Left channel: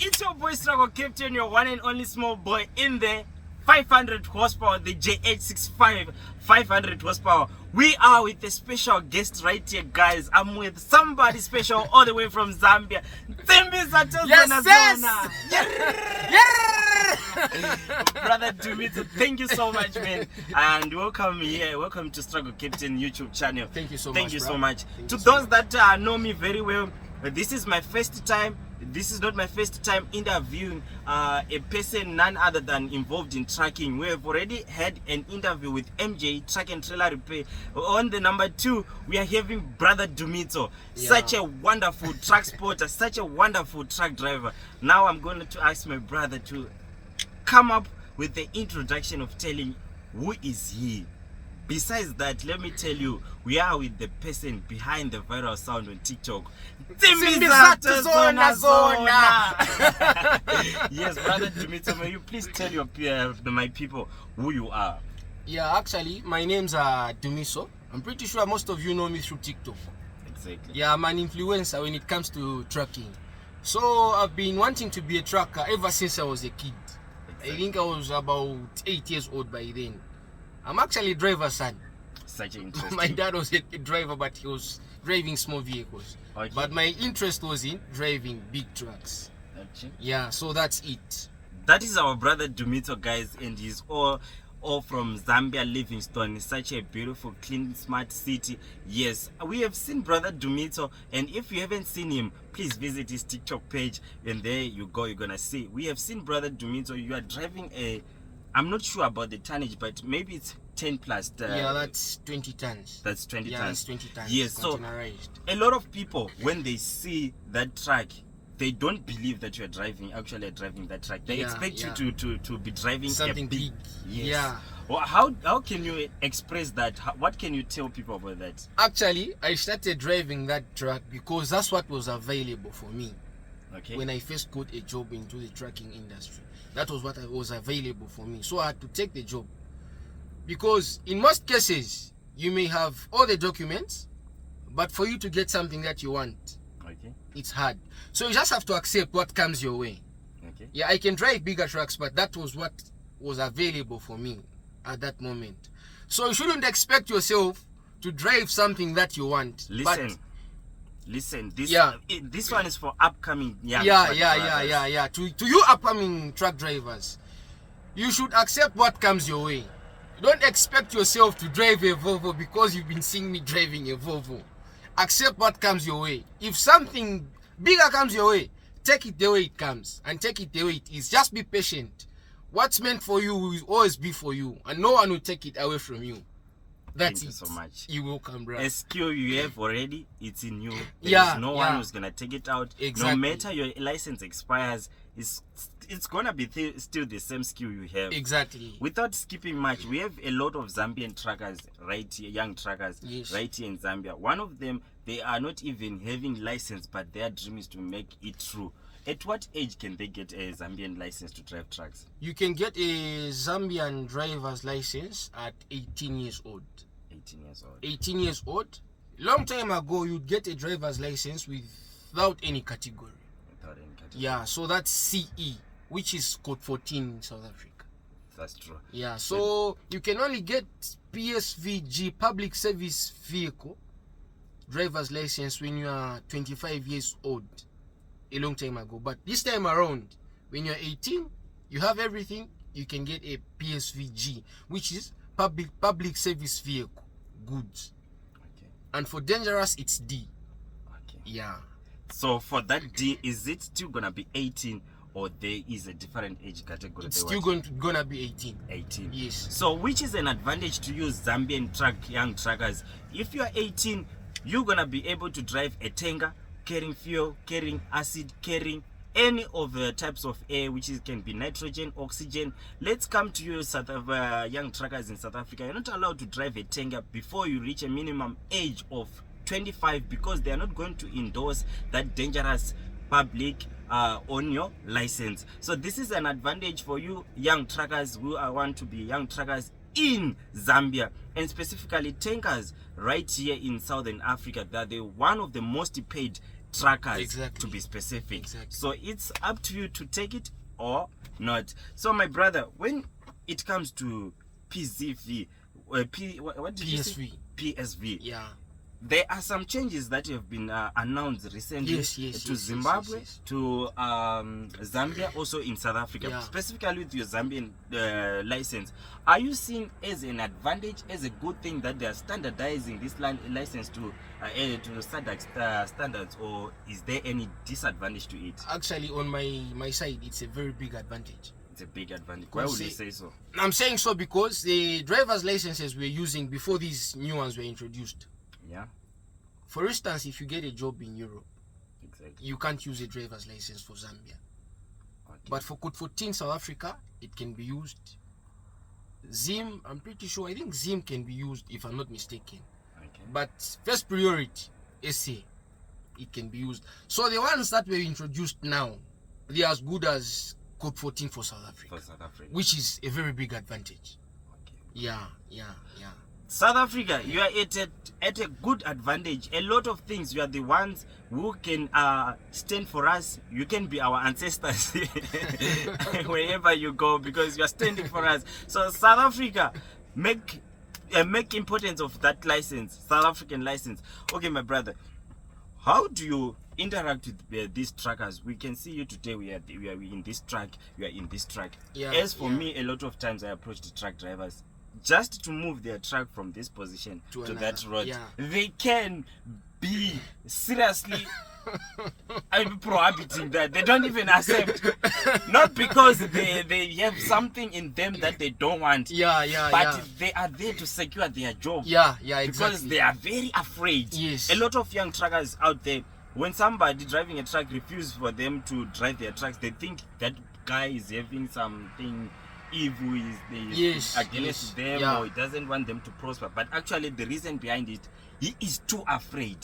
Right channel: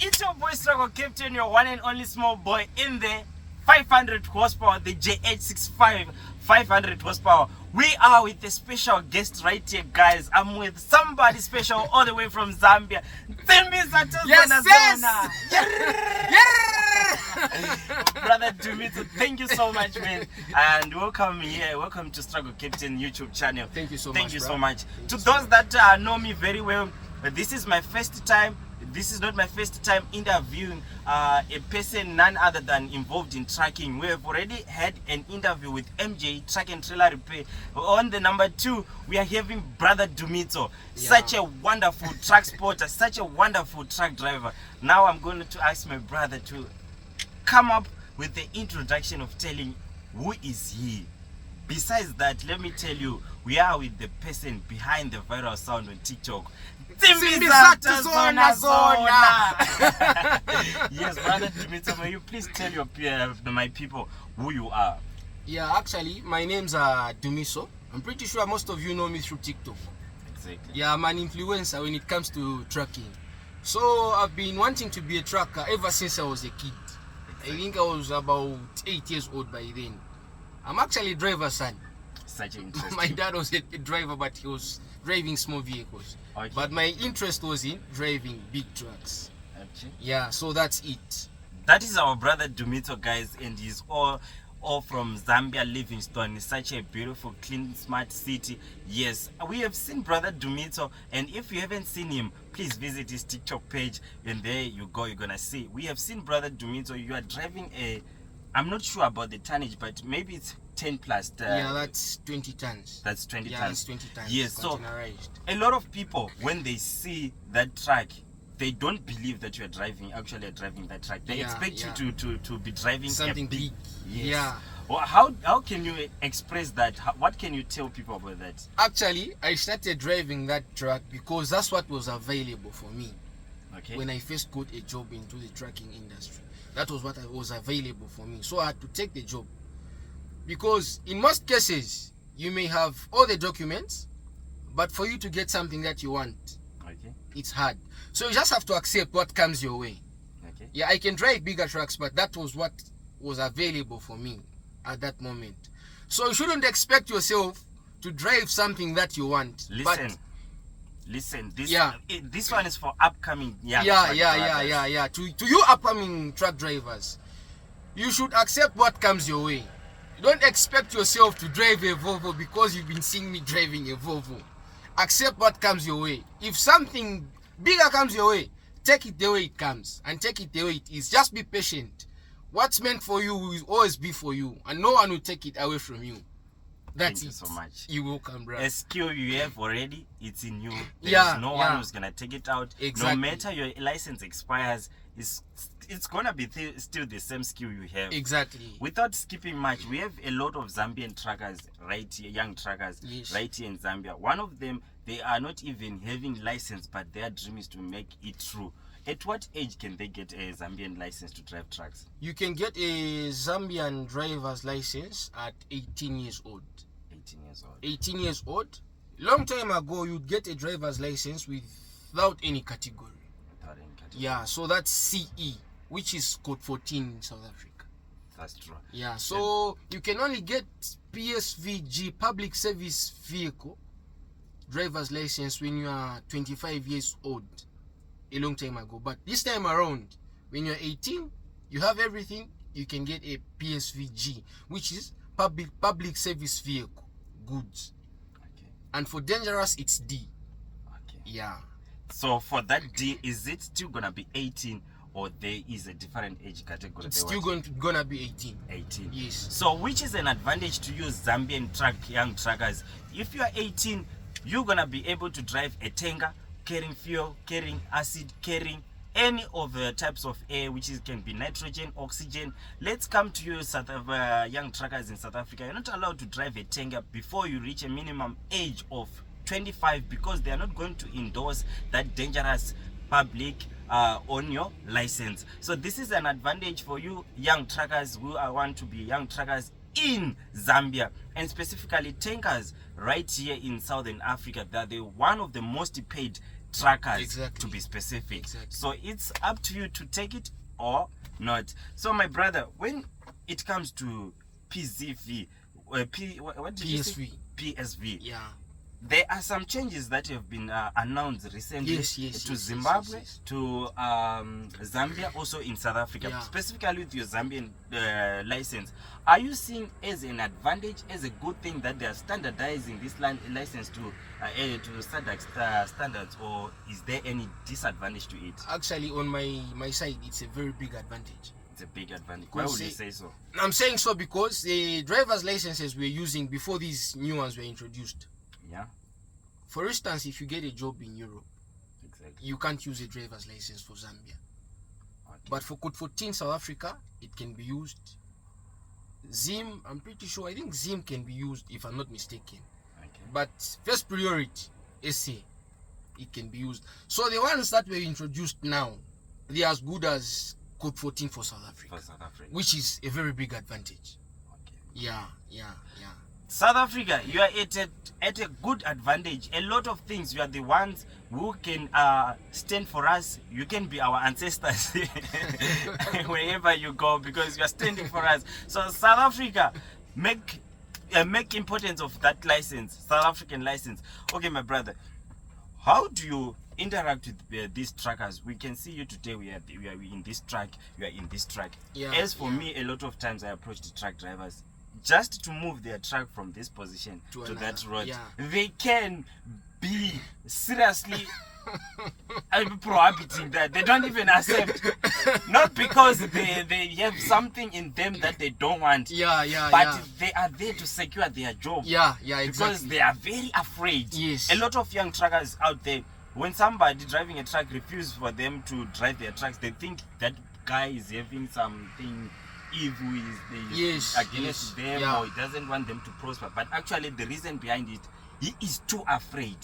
it's your boy Struggle Captain, your one and only small boy in the 500 horsepower, the JH65 500 horsepower. We are with a special guest right here, guys. I'm with somebody special all the way from Zambia. Nsimbi, Zathu, Brother Dumitso, thank you so much, man. And welcome here. Welcome to Struggle Captain YouTube channel. Thank you so much. Thank you so much. To those that know me very well, this is my first time. This is not my first time interviewing a person none other than involved in trucking. We have already had an interview with MJ, Truck and Trailer Repair. On the number 2, we are having Brother Dumitso, such a wonderful truck spotter, such a wonderful truck driver. Now I'm going to ask my brother to come up with the introduction of telling who is he. Besides that, let me tell you, we are with the person behind the viral sound on TikTok. Nsimbi, Zathu, zona. Yes, Brother Dumitso, may you please tell my people who you are? Yeah, actually, my name's Dumiso. I'm pretty sure most of you know me through TikTok. Exactly. Yeah, I'm an influencer when it comes to trucking. So I've been wanting to be a trucker ever since I was a kid. Exactly. I think I was about 8 years old by then. I'm actually a driver's son. Such an interesting. My dad was a driver, but he was driving small vehicles. Okay. But my interest was in driving big trucks. Okay. Yeah, so that's it. That is our brother Dumitso, guys, and he's all from Zambia, Livingstone. It's such a beautiful, clean, smart city. Yes, we have seen Brother Dumitso, and if you haven't seen him, please visit his TikTok page, and there you go, you're gonna see. We have seen Brother Dumitso. You are driving a, I'm not sure about the tonnage, but maybe it's 10 plus. Yeah, that's 20 tons. That's 20 yeah, tons. That's 20 tons. Yes, so a lot of people, when they see that truck, they don't believe that you're actually driving that truck. They expect you to be driving something big. Yes. Yeah. Well, how can you express that? What can you tell people about that? Actually, I started driving that truck because that's what was available for me. Okay. When I first got a job into the trucking industry, that was what was available for me. So I had to take the job. Because in most cases, you may have all the documents, but for you to get something that you want, it's hard. So you just have to accept what comes your way. Okay. Yeah, I can drive bigger trucks, but that was what was available for me at that moment. So you shouldn't expect yourself to drive something that you want. Listen. This one is for upcoming young truck drivers. To you upcoming truck drivers, you should accept what comes your way. Don't expect yourself to drive a Volvo because you've been seeing me driving a Volvo. Accept what comes your way. If something bigger comes your way, take it the way it comes and take it the way it is. Just be patient. What's meant for you will always be for you, and no one will take it away from you. That's Thank you so much. You're welcome, bro. A skill you have already, it's in you. There's no one who's gonna take it out. Exactly. No matter your license expires, it's gonna be still the same skill you have. Exactly. Without skipping much, we have a lot of Zambian truckers right here, young truckers right here in Zambia. One of them, they are not even having license, but their dream is to make it through. At what age can they get a Zambian license to drive trucks? You can get a Zambian driver's license at 18 years old. 18 years old. 18 years old. Long time ago, you'd get a driver's license without any category. Without any category. Yeah, so that's CE, which is code 14 in South Africa. That's true. Yeah, so you can only get PSVG, public service vehicle, driver's license when you are 25 years old. A long time ago, but this time around, when you're 18, you have everything, you can get a PSVG, which is public service vehicle goods. Okay. And for dangerous, it's D. Okay. Yeah. So for that D, is it still gonna be 18, or there is a different age category? It's still gonna be 18. 18. Yes. So which is an advantage to you Zambian young truckers? If you are 18, you're gonna be able to drive a tanker, carrying fuel, carrying acid, carrying any of the types of air, which can be nitrogen, oxygen. Let's come to you, young truckers in South Africa. You're not allowed to drive a tanker before you reach a minimum age of 25, because they are not going to endorse that dangerous public on your license. So this is an advantage for you young truckers who want to be young truckers in Zambia, and specifically tankers right here in Southern Africa. That they're one of the most paid truckers, Exactly. to be specific. Exactly. So it's up to you to take it or not. So my brother, when it comes to PZV, what did you say? PSV. Yeah. There are some changes that have been announced recently to Zimbabwe, to Zambia, also in South Africa. Yeah. Specifically with your Zambian license, are you seeing as an advantage, as a good thing that they are standardizing this license to standards, or is there any disadvantage to it? Actually, on my side, it's a very big advantage. It's a big advantage. Why would you say so? I'm saying so because the driver's licenses we're using before these new ones were introduced. Yeah. For instance, if you get a job in Europe, exactly, you can't use a driver's license for Zambia. Okay. But for Code 14 South Africa, it can be used. Zim, I'm pretty sure, I think Zim can be used if I'm not mistaken. Okay. But first priority, SA, it can be used. So the ones that were introduced now, they are as good as Code 14 for South Africa. For South Africa. Which is a very big advantage. Okay. Yeah. South Africa, you are at a good advantage. A lot of things, you are the ones who can stand for us. You can be our ancestors wherever you go, because you are standing for us. So South Africa, make importance of that license, South African license. Okay, my brother, how do you interact with these truckers? We can see you today. We are in this truck. You are in this truck. Yeah, As for me, a lot of times I approach the truck drivers just to move their truck from this position to that road. Yeah. They can be seriously prohibiting that. They don't even accept. Not because they have something in them that they don't want. But they are there to secure their job. Yeah, exactly. Because they are very afraid. Yes. A lot of young truckers out there, when somebody driving a truck refuses for them to drive their trucks, they think that guy is having something evil, is against them, or he doesn't want them to prosper. But actually the reason behind it, he is too afraid.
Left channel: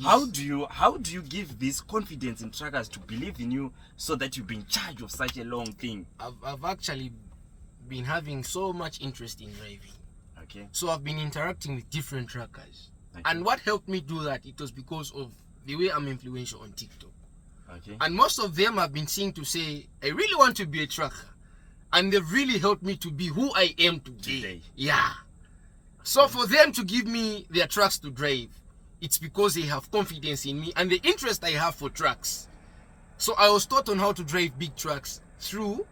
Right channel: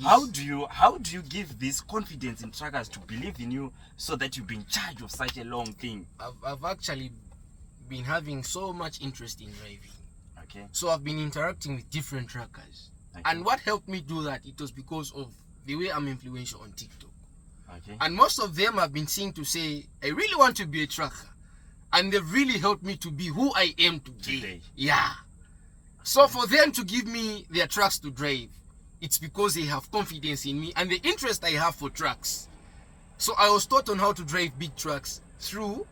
How do you give this confidence in truckers to believe in you so that you be in charge of such a long thing? I've actually been having so much interest in driving. Okay. So I've been interacting with different truckers. Okay. And what helped me do that, it was because of the way I'm influential on TikTok. Okay. And most of them have been seen to say, I really want to be a trucker. And they've really helped me to be who I am today. Yeah. So for them to give me their trucks to drive, it's because they have confidence in me and the interest I have for trucks. So I was taught on how to drive big trucks through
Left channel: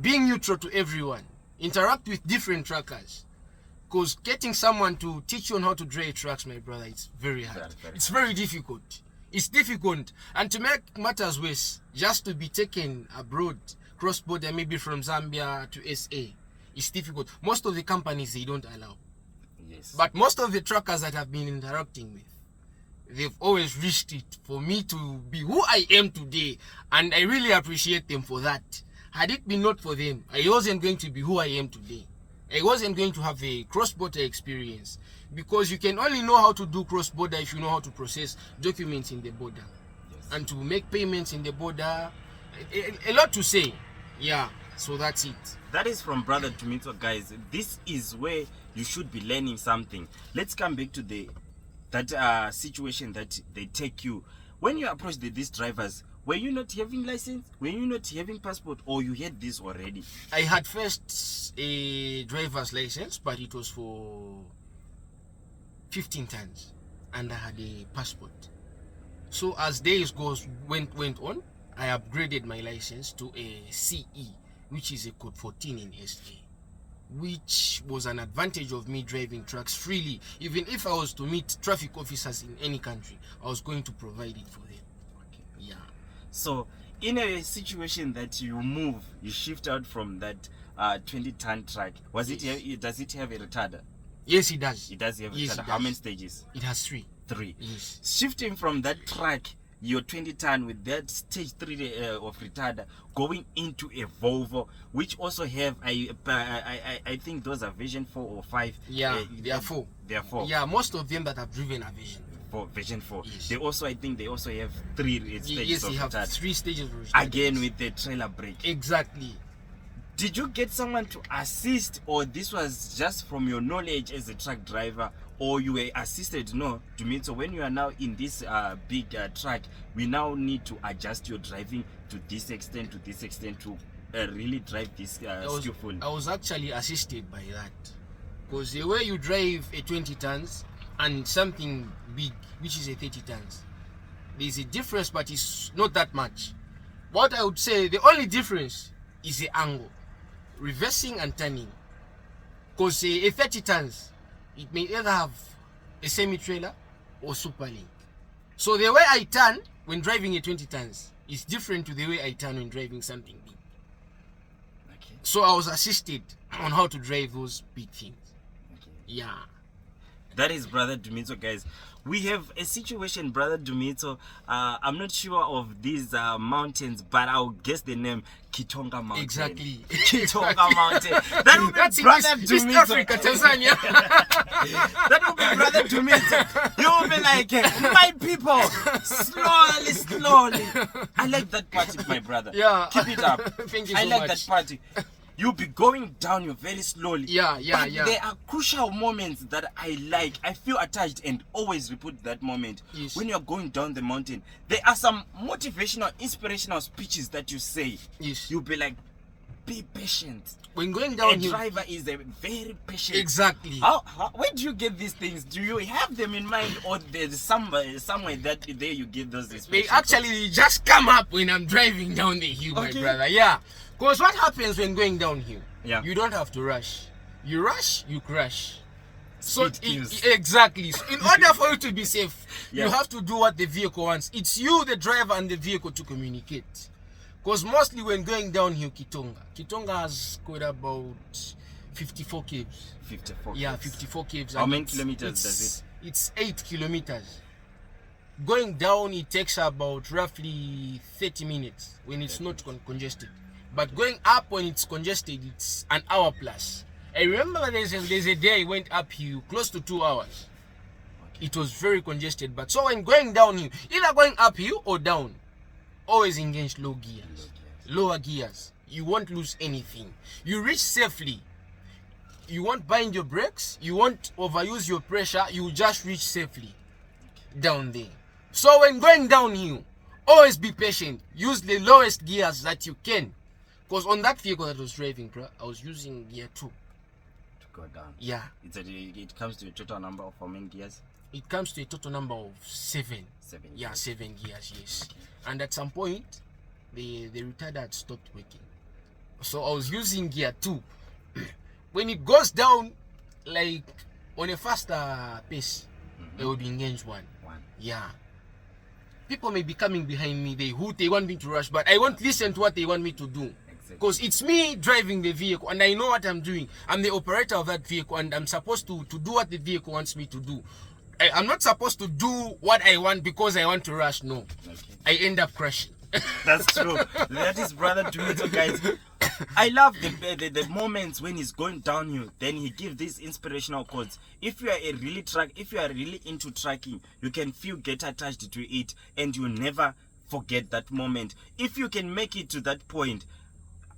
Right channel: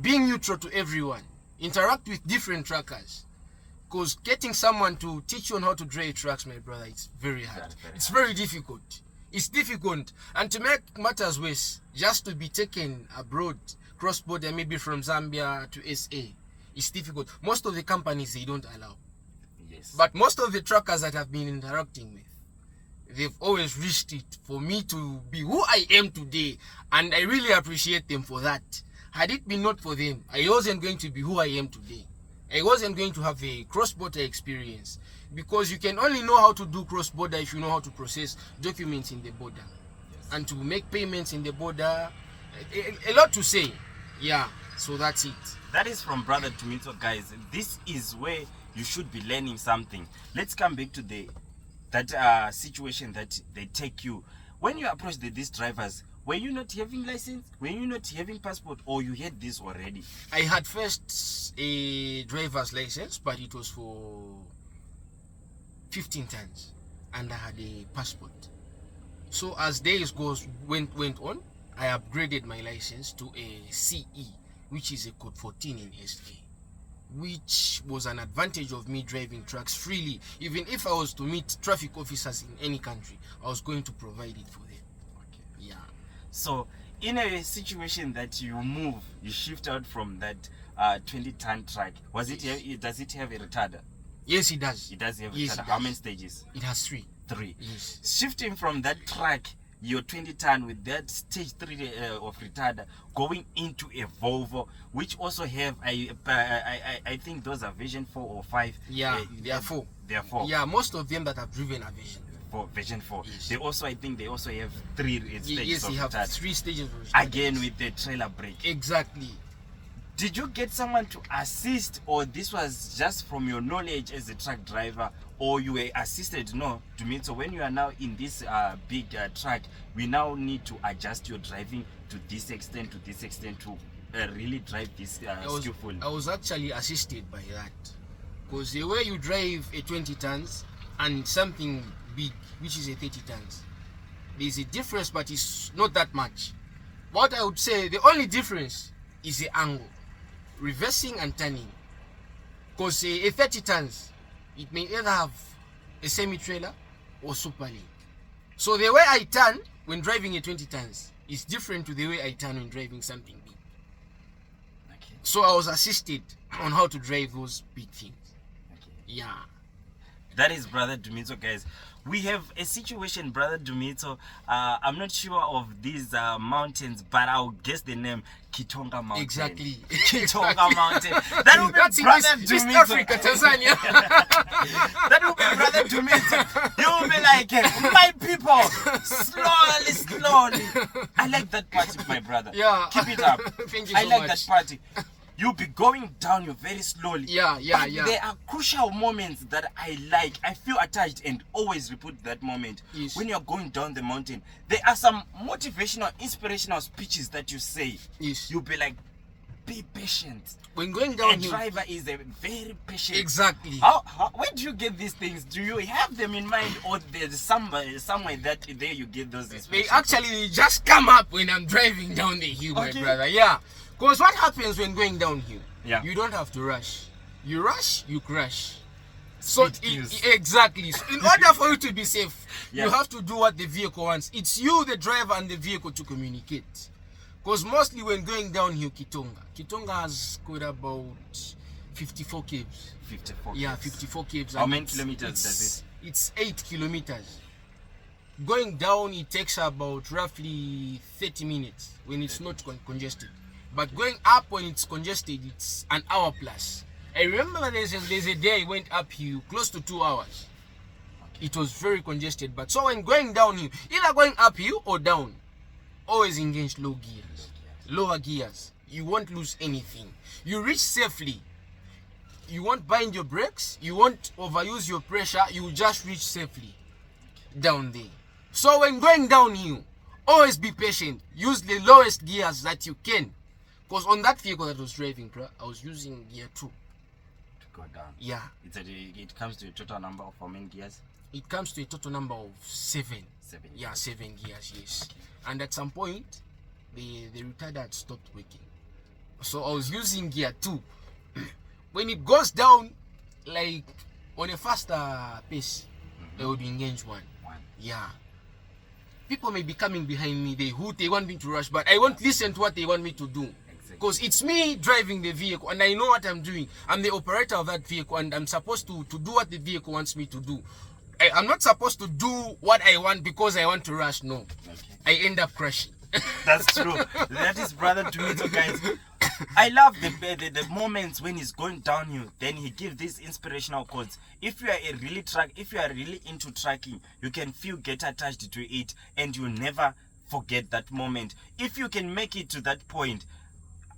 being neutral to everyone, interact with different truckers. Because getting someone to teach you on how to drive trucks, my brother, it's very hard. It's very difficult. It's difficult. And to make matters worse, just to be taken abroad, cross-border, maybe from Zambia to SA, it's difficult. Most of the companies, they don't allow. Yes. But most of the truckers that I've been interacting with, they've always reached it for me to be who I am today. And I really appreciate them for that. Had it been not for them, I wasn't going to be who I am today. I wasn't going to have a cross-border experience. Because you can only know how to do cross-border if you know how to process documents in the border. Yes. And to make payments in the border. A lot to say. Yeah, so that's it. That is from Brother Dumitso, guys. This is where you should be learning something. Let's come back to that situation that they take you. When you approach these drivers, were you not having license? Were you not having passport? Or you had this already? I had first a driver's license, but it was for 15 tons. And I had a passport. So as days went on, I upgraded my license to a CE, which is a Code 14 in SA, which was an advantage of me driving trucks freely. Even if I was to meet traffic officers in any country, I was going to provide it for them. Okay. Yeah. So in a situation that you move, you shift out from that 20-ton truck, does it have a retarder? Yes, it does. It does have a Yes, retarder. it How does. many stages? It has 3. 3. Yes. Shifting from that truck, your 20-ton with that stage 3 of retarder, going into a Volvo, which also have I think those are version 4 or 5. Yeah, they are 4. They are 4. Yeah, most of them that have driven are version 4. Yes. They also, I think they also have 3 stages Yes, of they have retarder. 3 stages of retarder. Again with the trailer brake. Exactly. Did you get someone to assist, or this was just from your knowledge as a truck driver, or you were assisted? No, Dumitso, when you are now in this big truck, we now need to adjust your driving to this extent to really drive this skillful. I was actually assisted by that, because the way you drive a 20 tons and something big, which is a 30 tons, there's a difference, but it's not that much. What I would say, the only difference is the angle, reversing and turning. Because a 30 tons, it may either have a semi-trailer or super link. So the way I turn when driving a 20 tons is different to the way I turn when driving something big. Okay. So I was assisted on how to drive those big things. Okay. Yeah. That is Brother Dumitso, guys. We have a situation, Brother Dumitso. I'm not sure of these mountains, but I'll guess the name, Kitonga Mountain. Exactly. Kitonga Mountain. That will be Brother Dumitso. East Africa, Tanzania. That will be Brother Dumitso. You will be like, my people, slowly. I like that party, my brother. Yeah. Keep it up. Thank you I so like much. that party. You'll be going down you very slowly. Yeah. But there are crucial moments that I like. I feel attached and always repeat that moment. Yes. When you're going down the mountain, there are some motivational, inspirational speeches that you say. Yes. You'll be like, be patient. When going A down here, driver is a very patient. exactly. Where do you get these things? Do you have them in mind, or there's somewhere that there you get those They inspirations? actually just come up when I'm driving down the hill, my Okay. brother. Yeah. Because what happens when going downhill? Yeah. You don't have to rush. You rush, you crash. So Speed kills. exactly. So in order for you to be safe, Yeah. you have to do what the vehicle wants. It's you, the driver, and the vehicle to communicate. Because mostly when going downhill, Kitonga has got about 54 caves. 54. Yeah, kids. 54 caves. How and many kilometers does it? It's 8 kilometers. Going down, it takes about roughly 30 minutes when it's not congested. But going up when it's congested, it's an hour plus. I remember there's a day I went up here close to 2 hours. Okay. It was very congested. But so when going downhill, either going uphill or down, always engage low gears. Lower gears. You won't lose anything. You reach safely. You won't bind your brakes. You won't overuse your pressure. You will just reach safely down there. So when going downhill, always be patient. Use the lowest gears that you can. Because on that vehicle that I was driving, I was using gear 2. To go down. Yeah. It comes to a total number of how many gears? It comes to a total number of 7. 7. Yeah, 7 gears, yes. Okay. And at some point, the retarder had stopped working. So I was using gear 2. When it goes down, like on a faster pace, I would engage 1. Yeah. People may be coming behind me, they want me to rush, but I won't listen to what they want me to do. Because it's me driving the vehicle and I know what I'm doing. I'm the operator of that vehicle and I'm supposed to do what the vehicle wants me to do. I'm not supposed to do what I want because I want to rush. No. Okay. I end up crashing. That's true. That is Brother Dumitso, guys. I love the moments when he's going downhill. Then he gives these inspirational quotes. If you are really into trucking, you can get attached to it, and you never forget that moment. If you can make it to that point,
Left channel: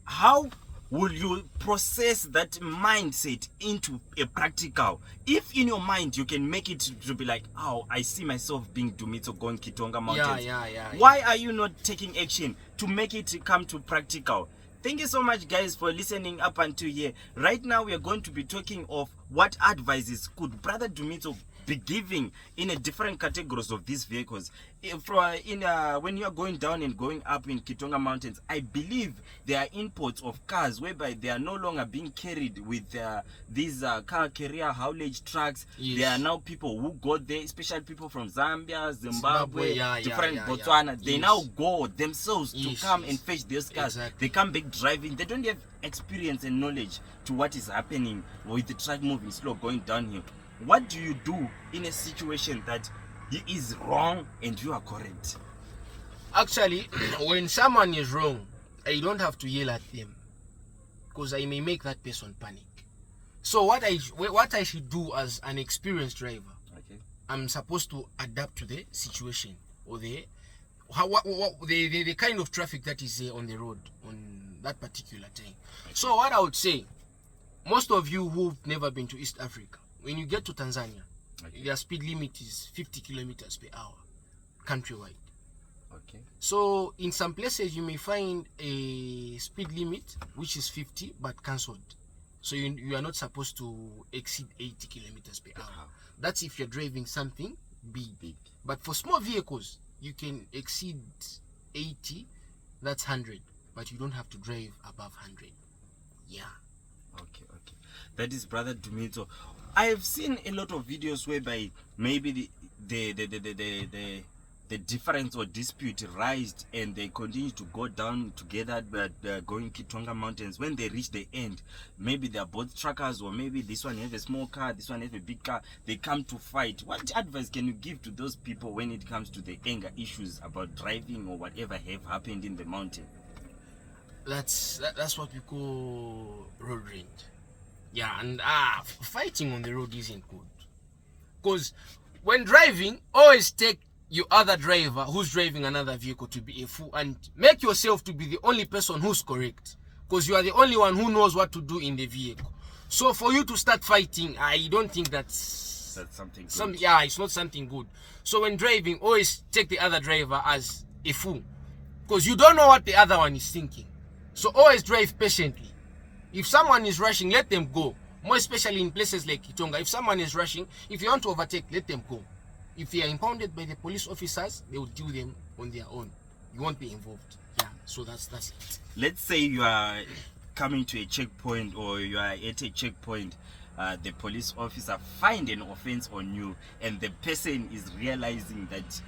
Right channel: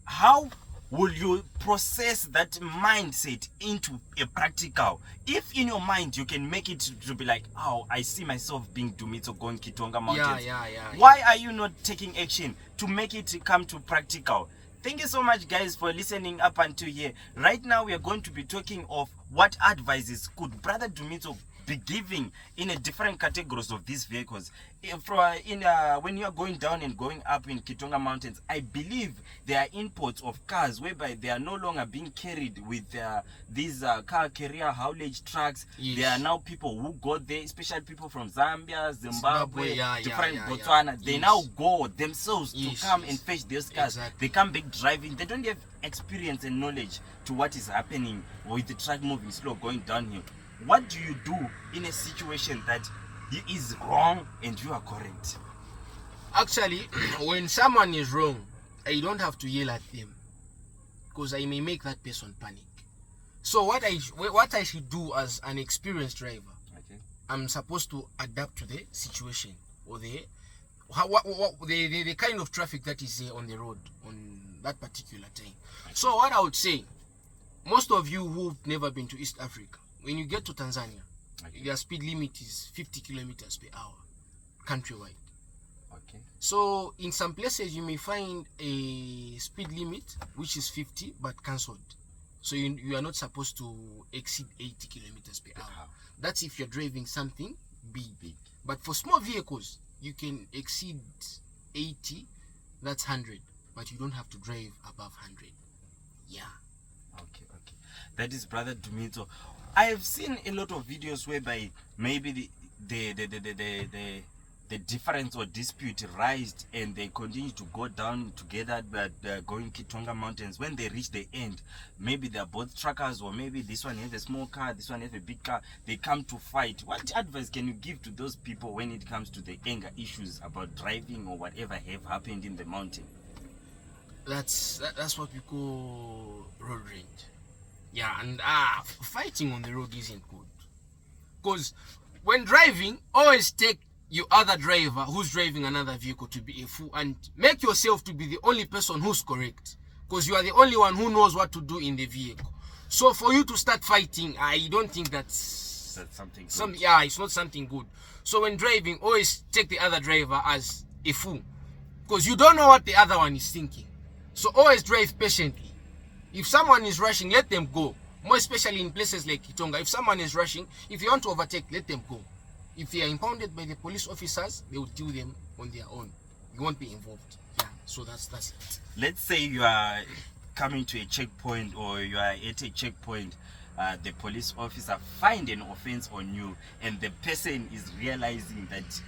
how will you process that mindset into a practical? If in your mind you can make it to be like, oh, I see myself being Dumitso going Kitonga Mountain. Yeah. Why are you not taking action to make it come to practical? Thank you so much, guys, for listening up until here. Right now, we are going to be talking of what advices could Brother Dumitso be giving in a different categories of these vehicles. When you are going down and going up in Kitonga Mountains, I believe there are imports of cars whereby they are no longer being carried with these car carrier haulage trucks. Yes. There are now people who go there, especially people from Zambia, Zimbabwe, different Botswana. They Yes. now go themselves Yes, to come yes. and fetch those cars. Exactly. They come back driving. They don't have experience and knowledge to what is happening with the truck moving slow going downhill. What do you do in a situation that he is wrong and you are correct? Actually, when someone is wrong, I don't have to yell at them because I may make that person panic. So what I should do as an experienced driver, Okay. I'm supposed to adapt to the situation or the kind of traffic that is there on the road, on that particular time. So what I would say, most of you who've never been to East Africa, when you get to Tanzania, their speed limit is 50 kilometers per hour, countrywide. Okay. So in some places you may find a speed limit which is 50 but cancelled. So you are not supposed to exceed 80 kilometers per hour. That's if you're driving something big. But for small vehicles, you can exceed 80, that's 100. But you don't have to drive above 100. Yeah. Okay. That is Brother Dumitso. I have seen a lot of videos whereby maybe the difference or dispute rised and they continue to go down together, but going Kitonga Mountains. When they reach the end, maybe they're both truckers, or maybe this one has a small car, this one has a big car. They come to fight. What advice can you give to those people when it comes to the anger issues about driving or whatever have happened in the mountain? That's what we call road rage. Yeah, and fighting on the road isn't good. Because when driving, always take your other driver who's driving another vehicle to be a fool and make yourself to be the only person who's correct, because you are the only one who knows what to do in the vehicle. So for you to start fighting, I don't think that's something good. It's not something good. So when driving, always take the other driver as a fool, because you don't know what the other one is thinking. So always drive patiently. If someone is rushing, let them go. More especially in places like Kitonga, if someone is rushing, if you want to overtake, let them go. If they are impounded by the police officers, they will deal them on their own. You won't be involved. Yeah, so that's it. Let's say you are coming to a checkpoint, or you are at a checkpoint, the police officer find an offense on you, and the person is realizing that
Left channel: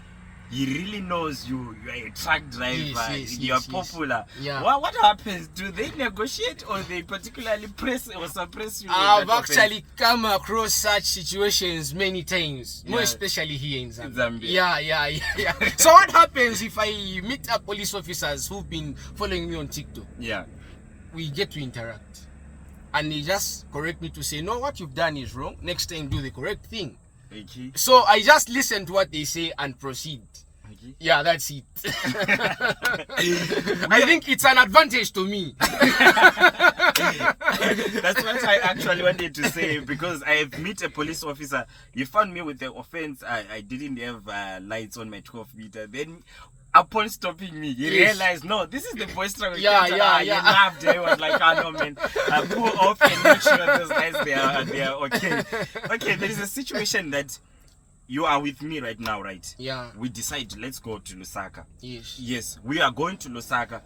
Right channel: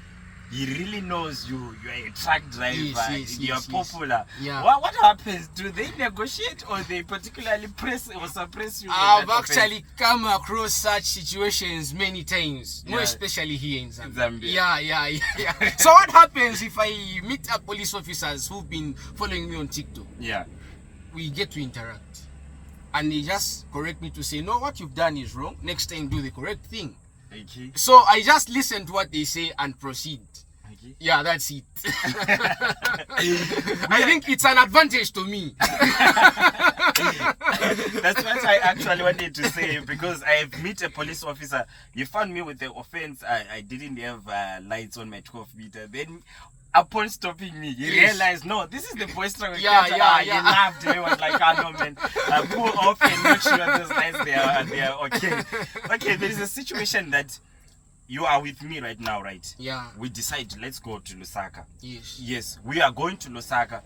he really knows you are a truck driver, you are popular. Yeah. What happens? Do they negotiate, or they particularly press or suppress you? I've actually come across such situations many times, more especially here in Zambia. Yeah. So what happens if I meet up police officers who've been following me on TikTok? Yeah. We get to interact, and they just correct me to say, no, what you've done is wrong. Next time, do the correct thing. Okay. So I just listen to what they say and proceed. Okay. Yeah, that's it. I think it's an advantage to me. That's what I actually wanted to say, because I have met a police officer. He found me with the offense. I didn't have lights on my 12 meter. Then upon stopping me, he realized, no, this is the boy struggle. He laughed. He was like, no man, pull off and make sure those lights they are okay. Okay, there is a situation that you are with me right now, right? Yeah. We decide, let's go to Lusaka. Yes, we are going to Lusaka.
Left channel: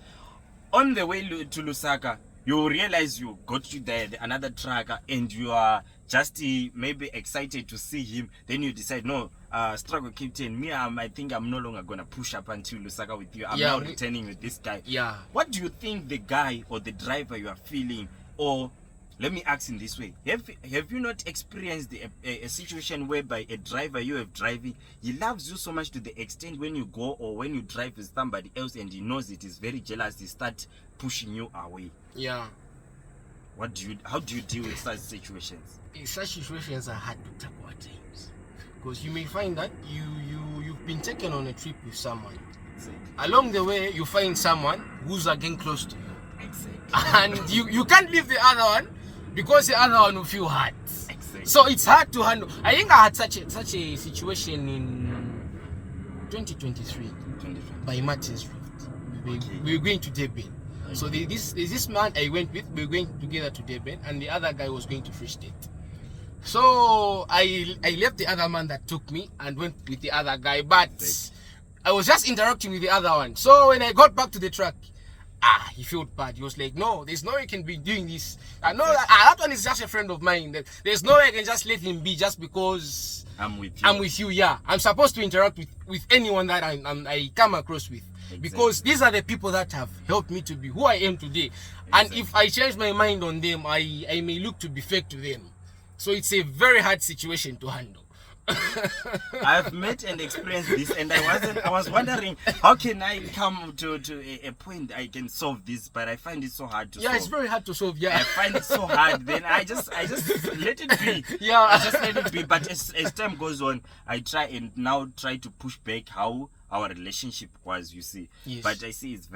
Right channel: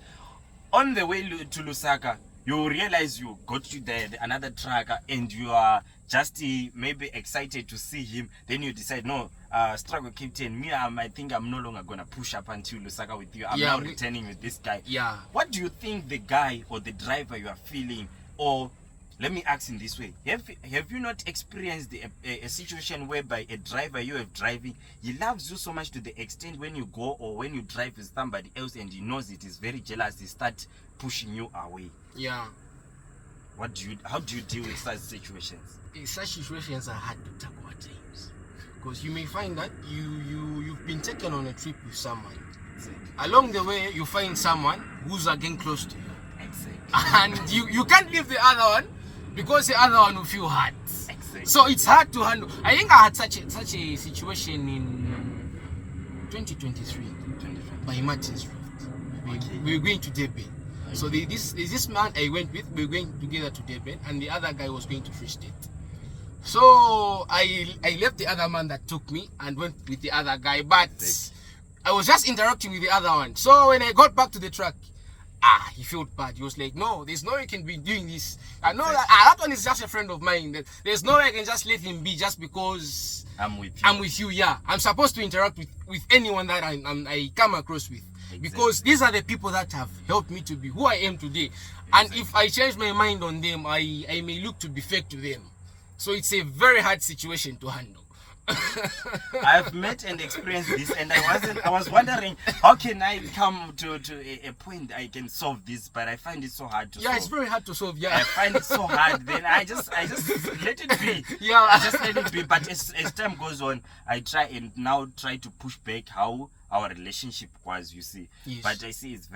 On the way to Lusaka, you realize you got to another trucker, and you are just maybe excited to see him. Then you decide, no, struggle captain, I think I'm no longer gonna push up until Lusaka with you. I'm now returning with this guy. Yeah. What do you think the guy or the driver you are feeling, or let me ask in this way, have you not experienced a situation whereby a driver you have driving, he loves you so much to the extent when you go or when you drive with somebody else and he knows it, is very jealous, he starts pushing you away? Yeah. How do you deal with such situations? Such situations are hard to tackle at times, because you may find that you've been taken on a trip with someone. Exactly. Along the way, you find someone who's again close to you. Exactly. And you can't leave the other one, because the other one will feel hurt. Exactly. So it's hard to handle. I think I had such a situation in 2023 by Martin's Rift. We were going to Durban. Okay. So there's this man I went with. We were going together to Durban, and the other guy was going to Free State. So I left the other man that took me and went with the other guy, but I was just interacting with the other one. So when I got back to the truck, he felt bad. He was like, no, there's no way you can be doing this. I know that one is just a friend of mine. There's no way I can just let him be just because I'm with you. Yeah, I'm supposed to interact with anyone that I come across with. Exactly. Because these are the people that have helped me to be who I am today. Exactly. And if I change my mind on them, I may look to be fake to them. So it's a very hard situation to handle. I've met and experienced this, and I was wondering, how can I come to a point I can solve this, but I find it so hard to solve. Yeah, it's very hard to solve. Yeah, I find it so hard. Then I just let it be. Yeah, I just let it be. But as time goes on, I try to push back how our relationship was, you see. Yes. But I see it's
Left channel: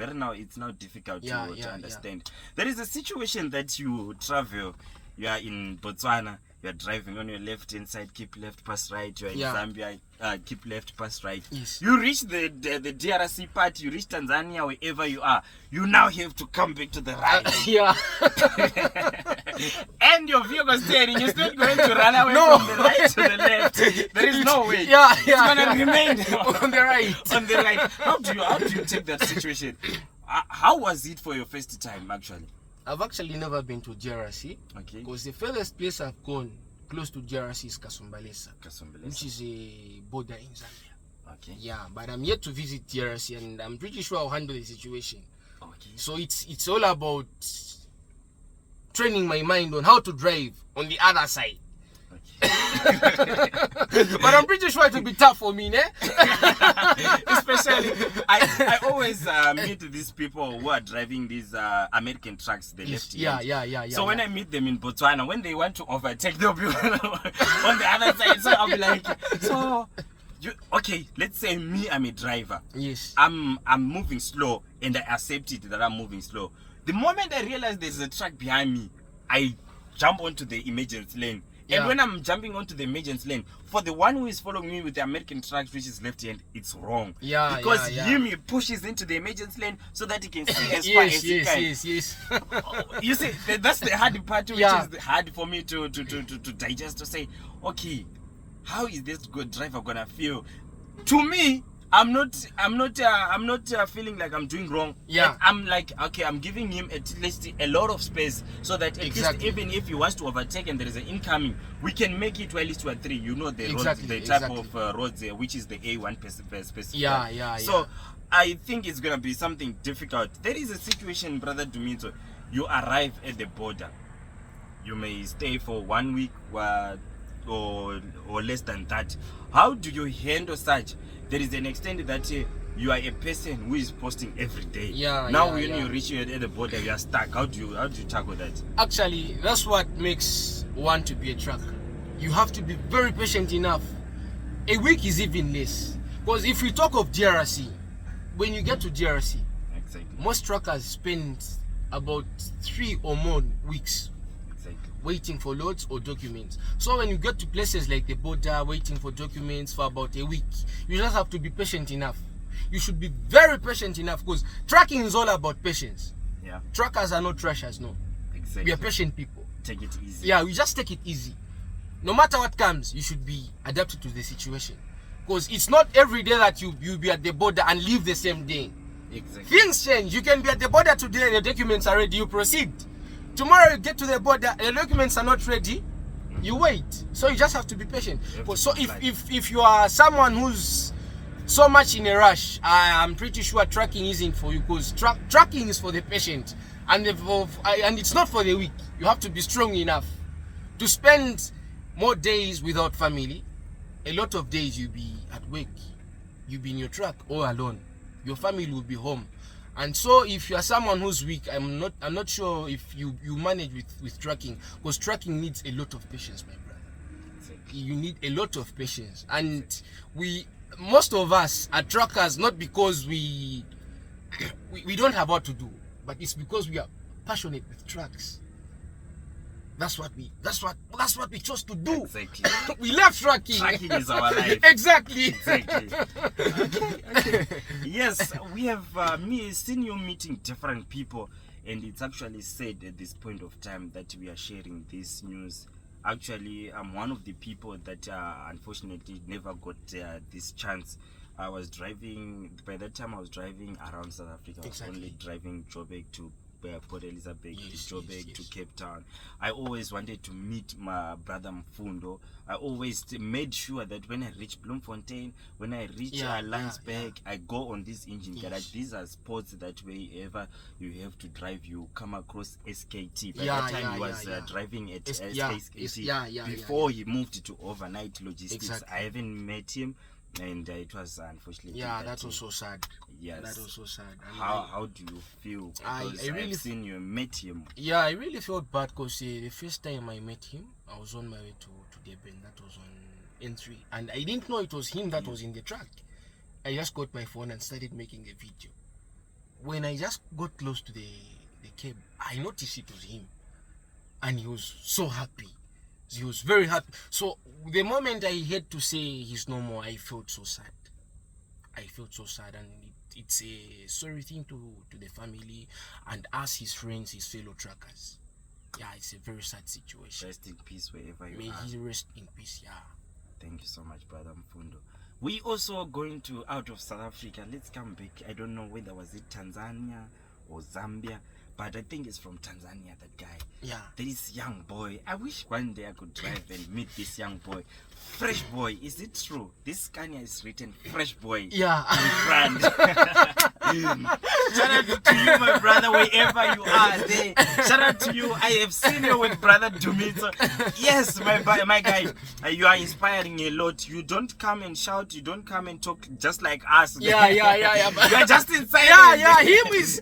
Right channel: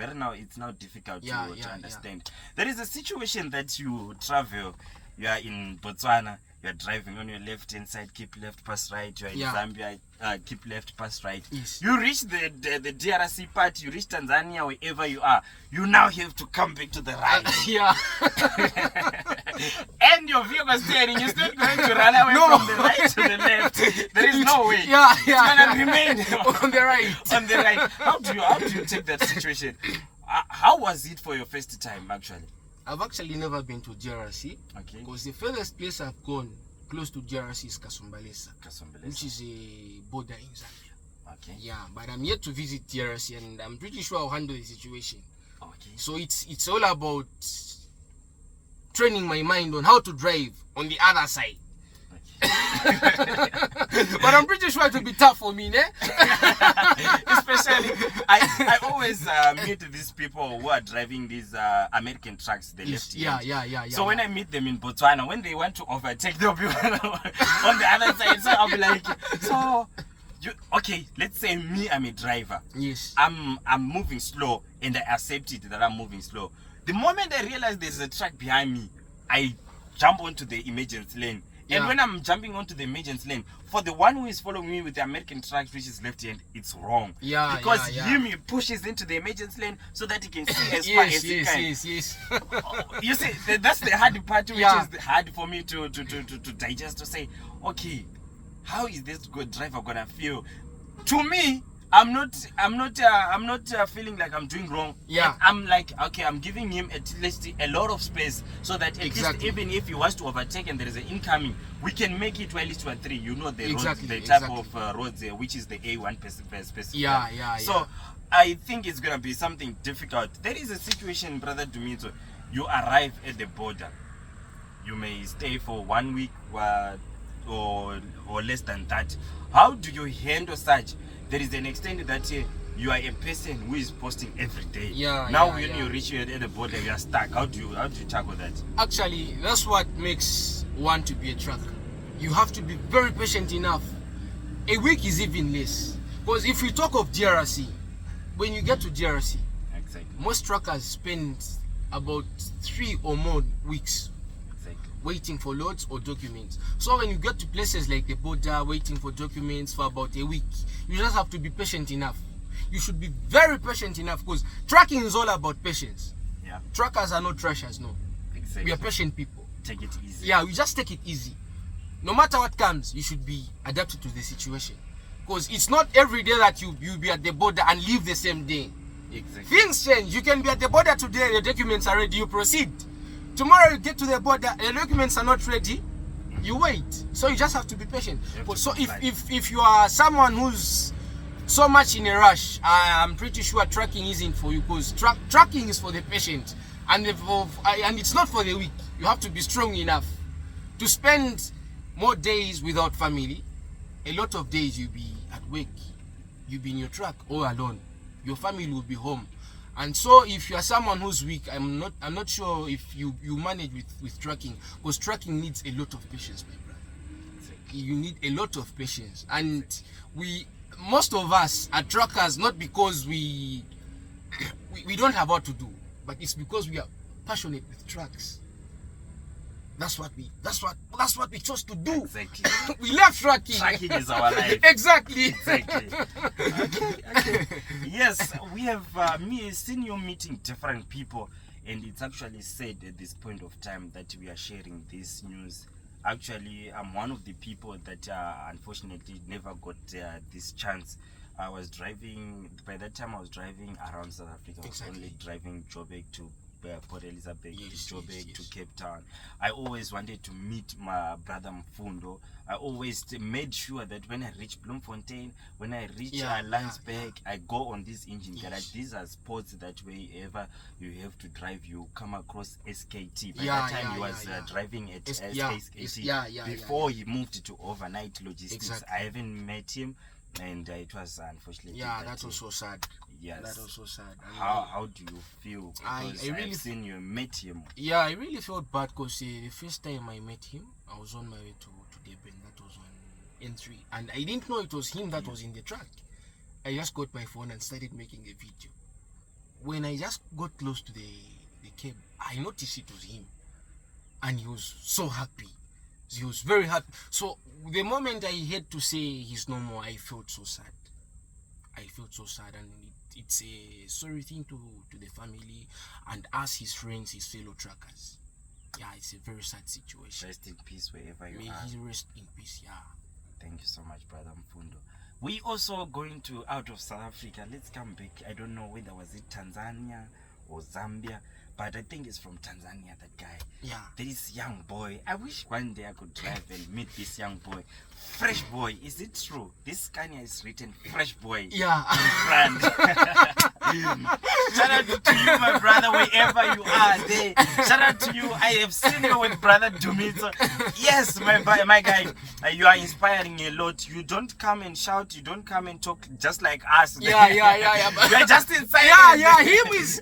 now difficult Yeah, to yeah, understand. There is a situation that you travel, you are in Botswana, you are driving on your left hand side, keep left, pass right. You are in Zambia, keep left, pass right. Yes. You reach the DRC part, you reach Tanzania, wherever you are, you now have to come back to the right. Yeah. And your vehicle steering, you're still going to run away from the right to the left. There is no way. Yeah, It's gonna remain on the right. On the right. How do you take that situation? How was it for your first time actually? I've actually never been to DRC. Okay. Because the furthest place I've gone close to DRC is Kasumbalesa, which is a border in Zambia. Okay. Yeah, but I'm yet to visit DRC, and I'm pretty sure I'll handle the situation. Okay. So it's all about training my mind on how to drive on the other side. But I'm pretty sure it will be tough for me, ne? Especially, I always meet these people who are driving these American trucks, the left hand. Yeah. So when I meet them in Botswana, when they want to overtake, they'll be on the other side. So I'll be like, okay, let's say me, I'm a driver. Yes. I'm moving slow, and I accept it that I'm moving slow. The moment I realize there's a truck behind me, I jump onto the emergency lane. And when I'm jumping onto the emergency lane, for the one who is following me with the American truck, which is left hand, it's wrong. Yeah. Because he pushes into the emergency lane so that he can see as far as he can. Yes. You see, that's the hard part, which is hard for me to digest, to say, okay, how is this good driver gonna feel? To me, I'm not feeling like I'm doing wrong. Yeah. I'm like, okay, I'm giving him at least a lot of space so that at least even if he wants to overtake and there is an incoming, we can make it while it's 2 3. You know the roads, the type of roads there, which is the A1 specific. Yeah. So I think it's gonna be something difficult. There is a situation, brother Dumitso. You arrive at the border. You may stay for 1 week or less than that. How do you handle such? There is an extent that you are a person who is posting every day. When you reach at the border, you are stuck. How do you tackle that? Actually, that's what makes one to be a trucker. You have to be very patient enough. A week is even less. Because if you talk of DRC, when you get to DRC, most truckers spend about 3 or more weeks waiting for loads or documents. So when you get to places like the border, waiting for documents for about a week, you just have to be patient enough. You should be very patient enough, because trucking is all about patience. Yeah. Truckers are not trashers, no. Exactly. We are patient people. Take it easy. Yeah, we just take it easy. No matter what comes, you should be adapted to the situation. Because it's not every day that you'll be at the border and leave the same day. Exactly. Things change. You can be at the border today, the documents are ready, you proceed. Tomorrow you get to the border, the documents are not ready, you wait. So you just have to be patient. So if you are someone who's so much in a rush, I'm pretty sure trucking isn't for you, because trucking is for the patient, and it's not for the weak. You have to be strong enough to spend more days without family. A lot of days you'll be at work, you'll be in your truck all alone. Your family will be home. And so if you are someone who's weak, I'm not sure if you manage with trucking, because trucking needs a lot of patience, my brother. You need a lot of patience. And most of us are truckers not because we don't have what to do, but it's because we are passionate with trucks. That's what we chose to do. Exactly. We love trucking. Trucking is our life. Exactly. Okay. Yes, we have seen you meeting different people, and it's actually said at this point of time that we are sharing this news. Actually, I'm one of the people that unfortunately never got this chance. I was driving, by that time I was driving around South Africa. I was only driving Joburg to Port Elizabeth, Joburg to Cape Town. I always wanted to meet my brother Mfundo. I always made sure that when I reach Bloemfontein, when I reach Landsberg, I go on this engine garage. These are spots that wherever you have to drive, you come across SKT. By that time he was driving at SKT before he moved to overnight logistics. I haven't met him, and it was unfortunately that was so sad. Yes, that was so sad. How do you feel? I really seen you met him. Yeah, I really felt bad, because the first time I met him, I was on my way to Durban. That was on N3, and I didn't know it was him that was in the truck. I just got my phone and started making a video. When I just got close to the cab, I noticed it was him. And he was so happy. He was very happy. So the moment I had to say he's no more, I felt so sad. And it's a sorry thing to the family and us, his friends, his fellow truckers. Yeah, it's a very sad situation. Rest in peace wherever you May are. he rest in peace, yeah. Thank you so much, brother Mfundo. We also going to out of South Africa. Let's come back. I don't know whether was it Tanzania or Zambia, but I think it's from Tanzania, that guy. Yeah. This young boy. I wish one day I could drive and meet this young boy. Fresh boy. Is it true? This Scania is written fresh boy. Yeah. In front. Shout out to you, my brother, wherever you are there. Shout out to you. I have seen you with brother Dumitso. Yes, my guy, you are inspiring a lot. You don't come and shout. You don't come and talk just like us. Yeah. You are just in silence. Yeah.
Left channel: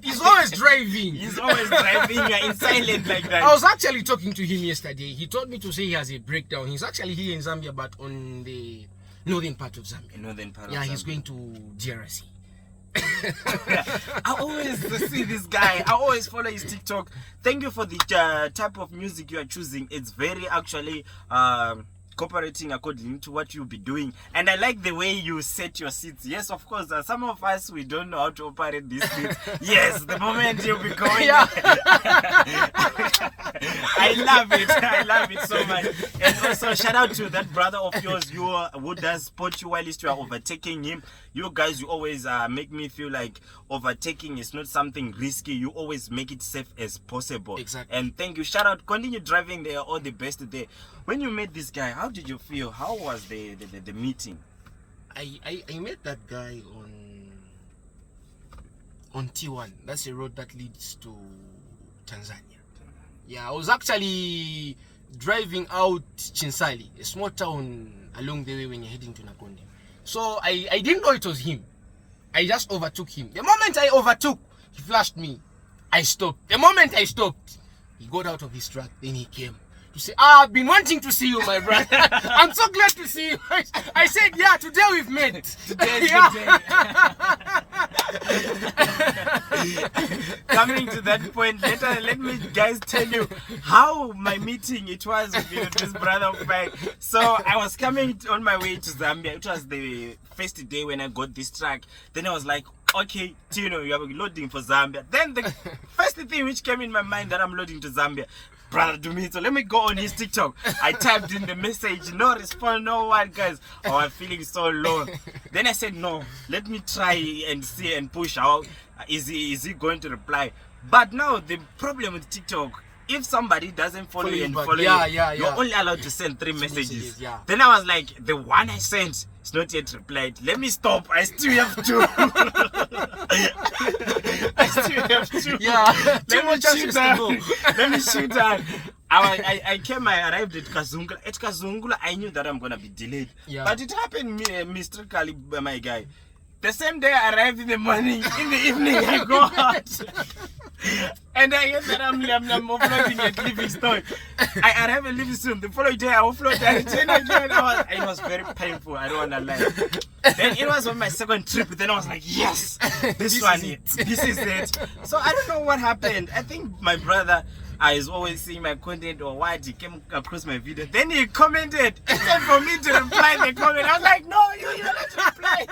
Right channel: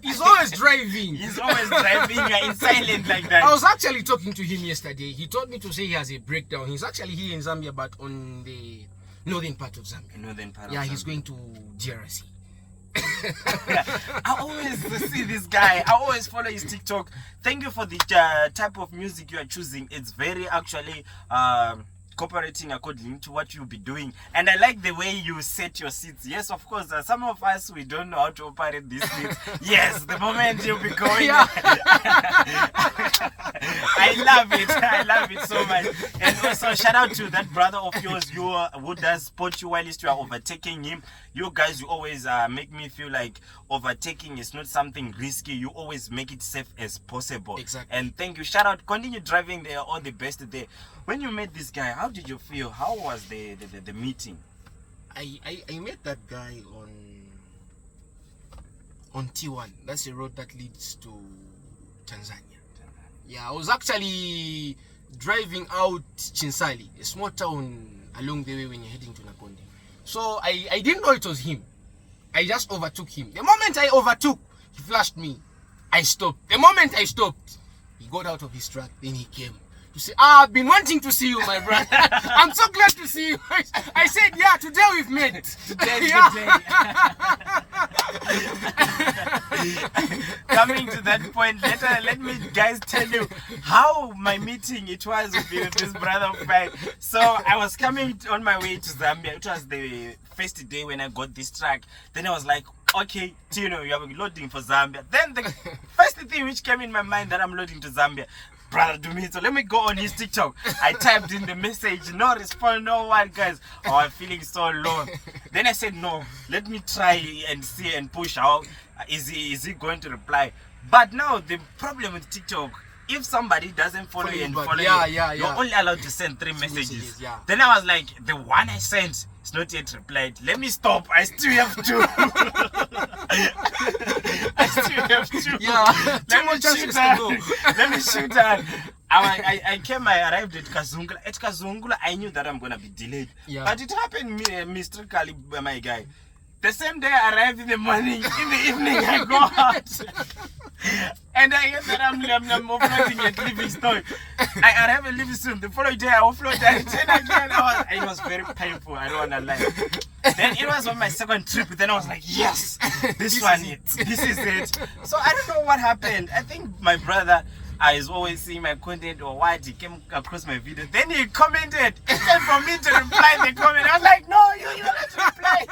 He's always driving. He's always driving. You are in silence like that. I was actually talking to him yesterday. He told me to say he has a breakdown. He's actually here in Zambia, but on the northern part of Zambia. Yeah, he's going to Yrrr. I always see this guy. I always follow his TikTok. Thank you for the type of music you are choosing. It's very actually cooperating according to what you'll be doing, and I like the way you set your seats. Yes, of course, some of us, we don't know how to operate these seats. Yes, the moment you'll be going. Yeah. I love it so much. And also shout out to that brother of yours who does spot you while you are overtaking him. You guys, you always make me feel like overtaking is not something risky. You always make it safe as possible. Exactly. And thank you. Shout out. Continue driving there. All the best there. When you met this guy, how did you feel? How was the meeting? I met that guy on T1. That's a road that leads to Tanzania. Yeah, I was actually driving out Chinsali, a small town along the way when you're heading to Nakonde. So I didn't know it was him. I just overtook him. The moment I overtook, he flashed me. I stopped. The moment I stopped, he got out of his truck. Then he came to say, I've been wanting to see you, my brother. I'm so glad to see you. I said, yeah, today we've met. Today's the day. Coming to that point, let me guys tell you how my meeting it was with this brother of mine. So I was coming on my way to Zambia. It was the first day when I got this truck. Then I was like, okay, Tino, you are loading for Zambia. Then the first thing which came in my mind that I'm loading to Zambia, brother Dumitso, let me go on his TikTok. I typed in the message, no response, no one, guys. Oh, I'm feeling so low. Then I said, no, let me try and see and push out. Is he going to reply? But now the problem with TikTok, if somebody doesn't follow you and follow you, you're only allowed to send 3 messages. Yeah. Then I was like, the one I sent is not yet replied. Let me stop. I still have 2. I still have 2. Yeah. Let me shoot that. I arrived at Kazungula. At Kazungula, I knew that I'm going to be delayed. Yeah. But it happened mysteriously, my guy. The same day I arrived in the morning, in the evening I go out. And I hear that I'm offloading at Livingstone. I arrive at Livingstone. The following day I offload. I return again. It was very painful. I don't want to lie. Then it was on my second trip. Then I was like, yes, this is it. So I don't know what happened. I think my brother is always seeing my content or what, he came across my video. Then he commented. Instead for me to reply the comment, I was like, no, you're not to reply.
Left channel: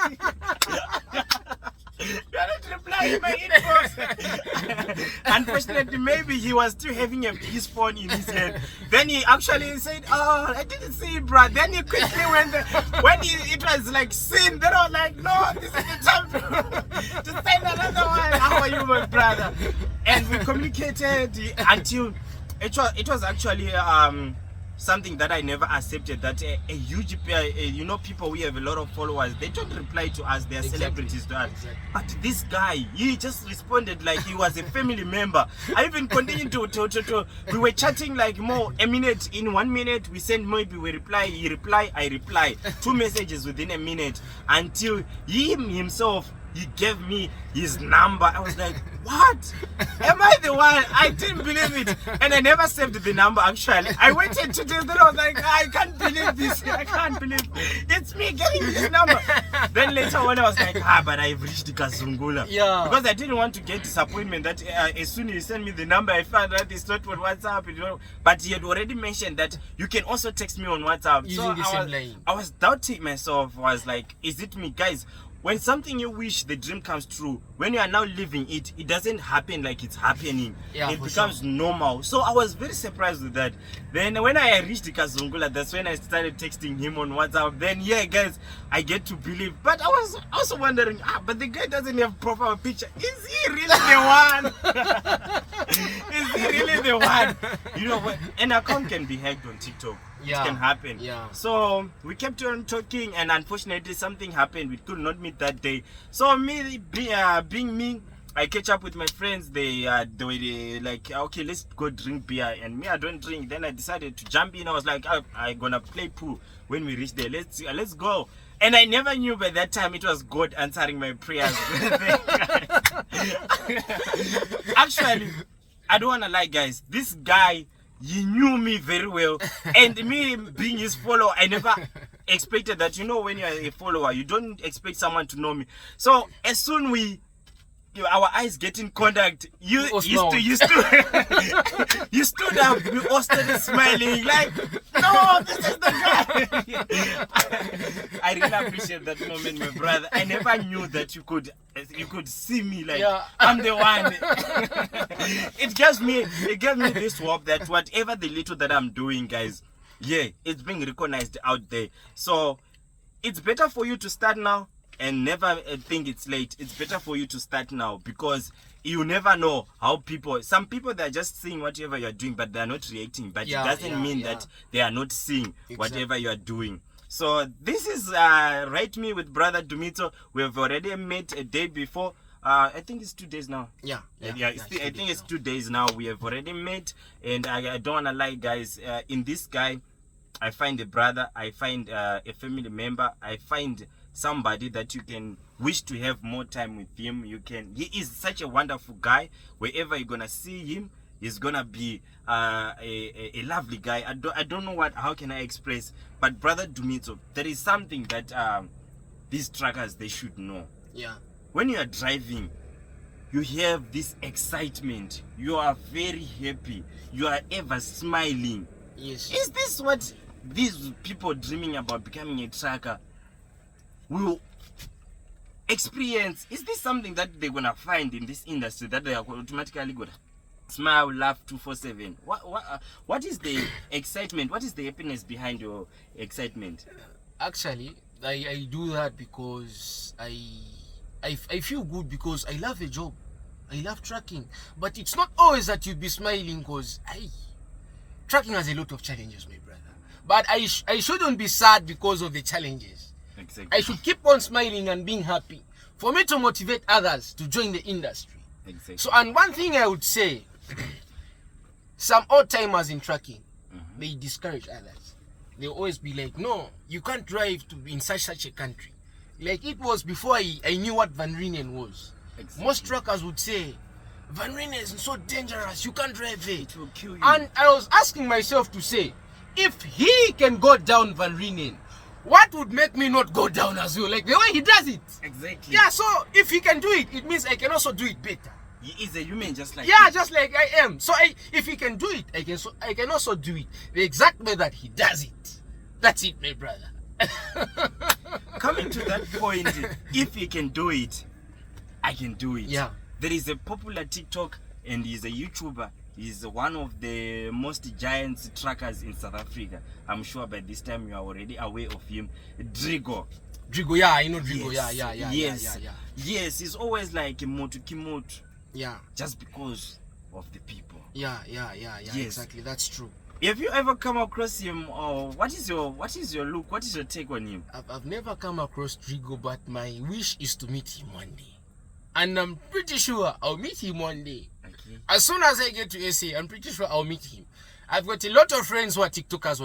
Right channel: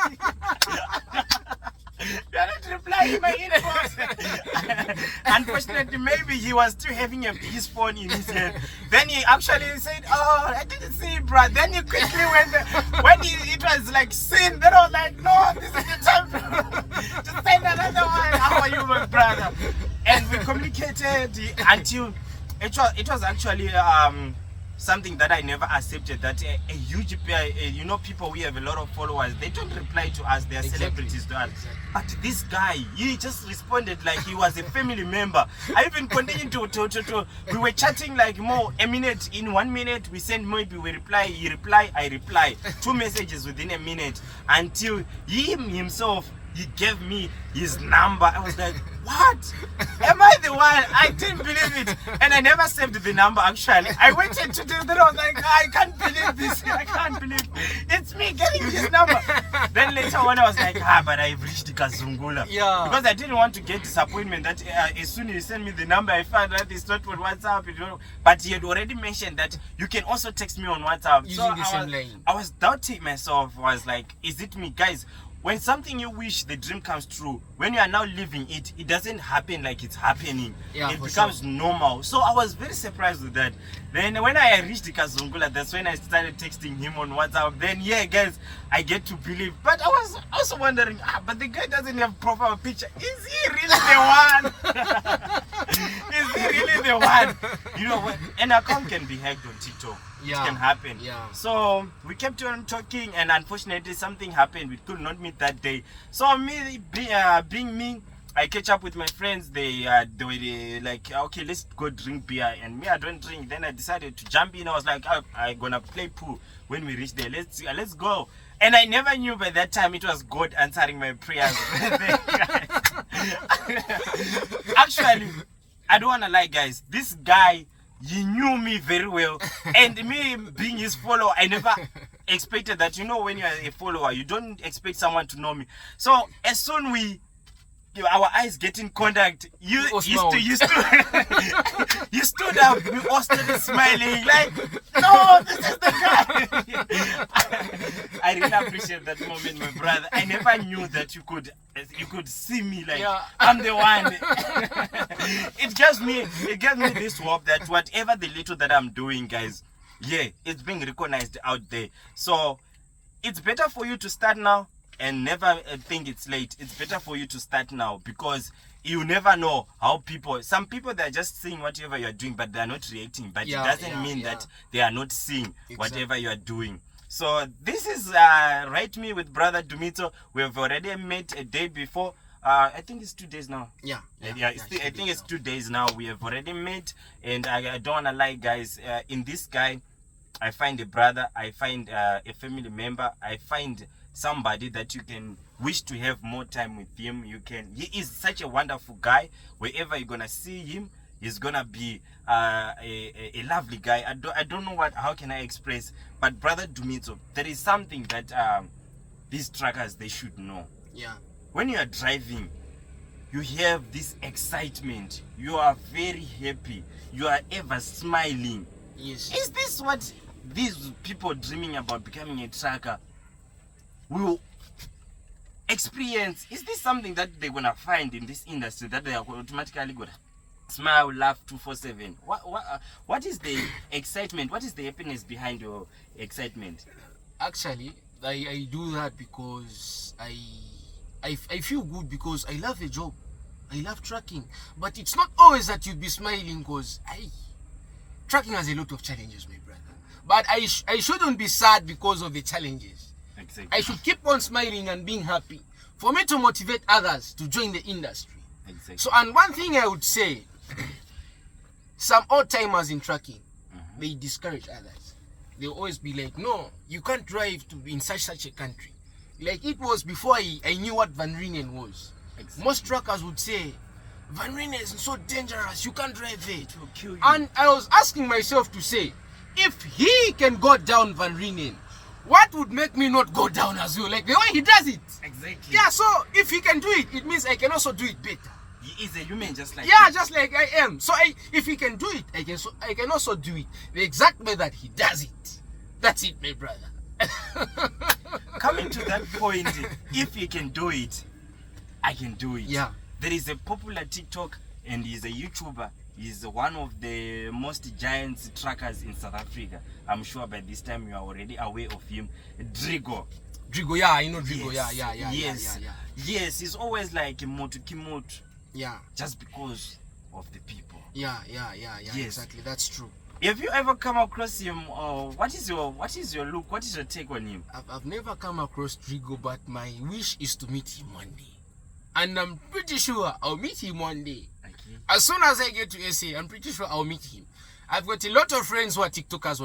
You're not to reply in my inbox. Unfortunately, maybe he was still having his phone in his hand. Then he actually said, oh, I didn't see it, bro. Then he quickly went, when it was like sin, then I was like, no, this is the time to send another one. How are you, my brother? And we communicated until it was actually something that I never accepted, that a huge people, we have a lot of followers, they don't reply to us, they are celebrities to us. But this guy, he just responded like he was a family member. I even continued to we were chatting like more a minute. In 1 minute we send, maybe we reply, he reply, I reply, 2 messages within a minute, until he himself, he gave me his number. I was like, what? Am I the one? I didn't believe it. And I never saved the number actually. I waited 2 days, then I was like, I can't believe this. I can't believe it's me getting this number. Then later on I was like, but I've reached the Kazungula. Yeah. Because I didn't want to get disappointment that as soon as you send me the number, I found that it's not on WhatsApp. You know? But he had already mentioned that you can also text me on WhatsApp. Using the same line. I was doubting myself. I was like, is it me? Guys, when something you wish the dream comes true, when you are now living it, it doesn't happen like it's happening. Yeah, it becomes normal. So I was very surprised with that. Then when I reached the Kazungula, that's when I started texting him on WhatsApp. Then yeah, guys, I get to believe. But I was also wondering, but the guy doesn't have profile picture. Is he really the one? Is he really the one? You know what? An account can be hacked on TikTok. Yeah. It can happen. Yeah. So we kept on talking, and unfortunately something happened. We could not meet that day. So me being me, I catch up with my friends. They were like, okay, let's go drink beer. And me, I don't drink. Then I decided to jump in. I was like, I'm gonna play pool when we reach there. Let's go. And I never knew by that time it was God answering my prayers. Actually, I don't wanna lie, guys. This guy, he knew me very well, and me being his follower, I never expected that. You know, when you are a follower, you don't expect someone to know me. So as soon our eyes get in contact, you stood up. We all started smiling like, no, this is the guy. I really appreciate that moment, my brother. I never knew that you could see me like, I'm the one. It gave me this hope that whatever the little that I'm doing, guys, it's being recognized out there. So it's better for you to start now and never think it's late. It's better for you to start now, because you never know how some people, they're just seeing whatever you're doing, but they're not reacting. But it doesn't mean that they are not seeing whatever you're doing. So this is Write Me with brother Dumitso. We have already met a day before. I think it's 2 days now. I think it's 2 days now. We have already met, and I don't want to lie, guys. In this guy, I find a brother, I find a family member, I find somebody that you can wish to have more time with him. He is such a wonderful guy. Wherever you're gonna see him, he's gonna be a lovely guy. I don't know how can I express, but brother Dumitso, there is something that these truckers, they should know. When you are driving, you have this excitement, you are very happy, you are ever smiling. Is this what these people dreaming about becoming a trucker will experience? Is this something that they're gonna find in this industry, that they are automatically gonna smile, laugh 247? What is the excitement? What is the happiness behind your excitement? Actually, I do that because I feel good, because I love a job. I love trucking. But it's not always that you'll be smiling, because trucking has a lot of challenges, my brother. But I shouldn't be sad because of the challenges. Exactly. I should keep on smiling and being happy for me to motivate others to join the industry. Exactly. So, and one thing I would say, some old timers in trucking, they discourage others. They always be like, no, you can't drive to in such a country. Like it was before I knew what Van Renen was. Exactly. Most truckers would say, Van Renen is so dangerous, you can't drive there. It will kill you. And I was asking myself to say, if he can go down Van Renen, what would make me not go down as well? Like the way he does it. Exactly. Yeah, so if he can do it, it means I can also do it better. He is a human just like you. Just like I am. So if he can do it, I can also do it the exact way that he does it. That's it, my brother. Coming to that point, if he can do it, I can do it. Yeah. There is a popular TikTok, and he's a YouTuber. He's one of the most giant truckers in South Africa. I'm sure by this time you are already aware of him. Drigo, yeah, I know Drigo. Yes. Yes, he's always like Kimoto. Yeah. Just because of the people. Yeah. Yes. Exactly, that's true. Have you ever come across him, or what is your look? What is your take on him? I've never come across Drigo, but my wish is to meet him one day. And I'm pretty sure I'll meet him one day. Okay. As soon as I get to SA, I'm pretty sure I'll meet him. I've got a lot of friends who are TikTokers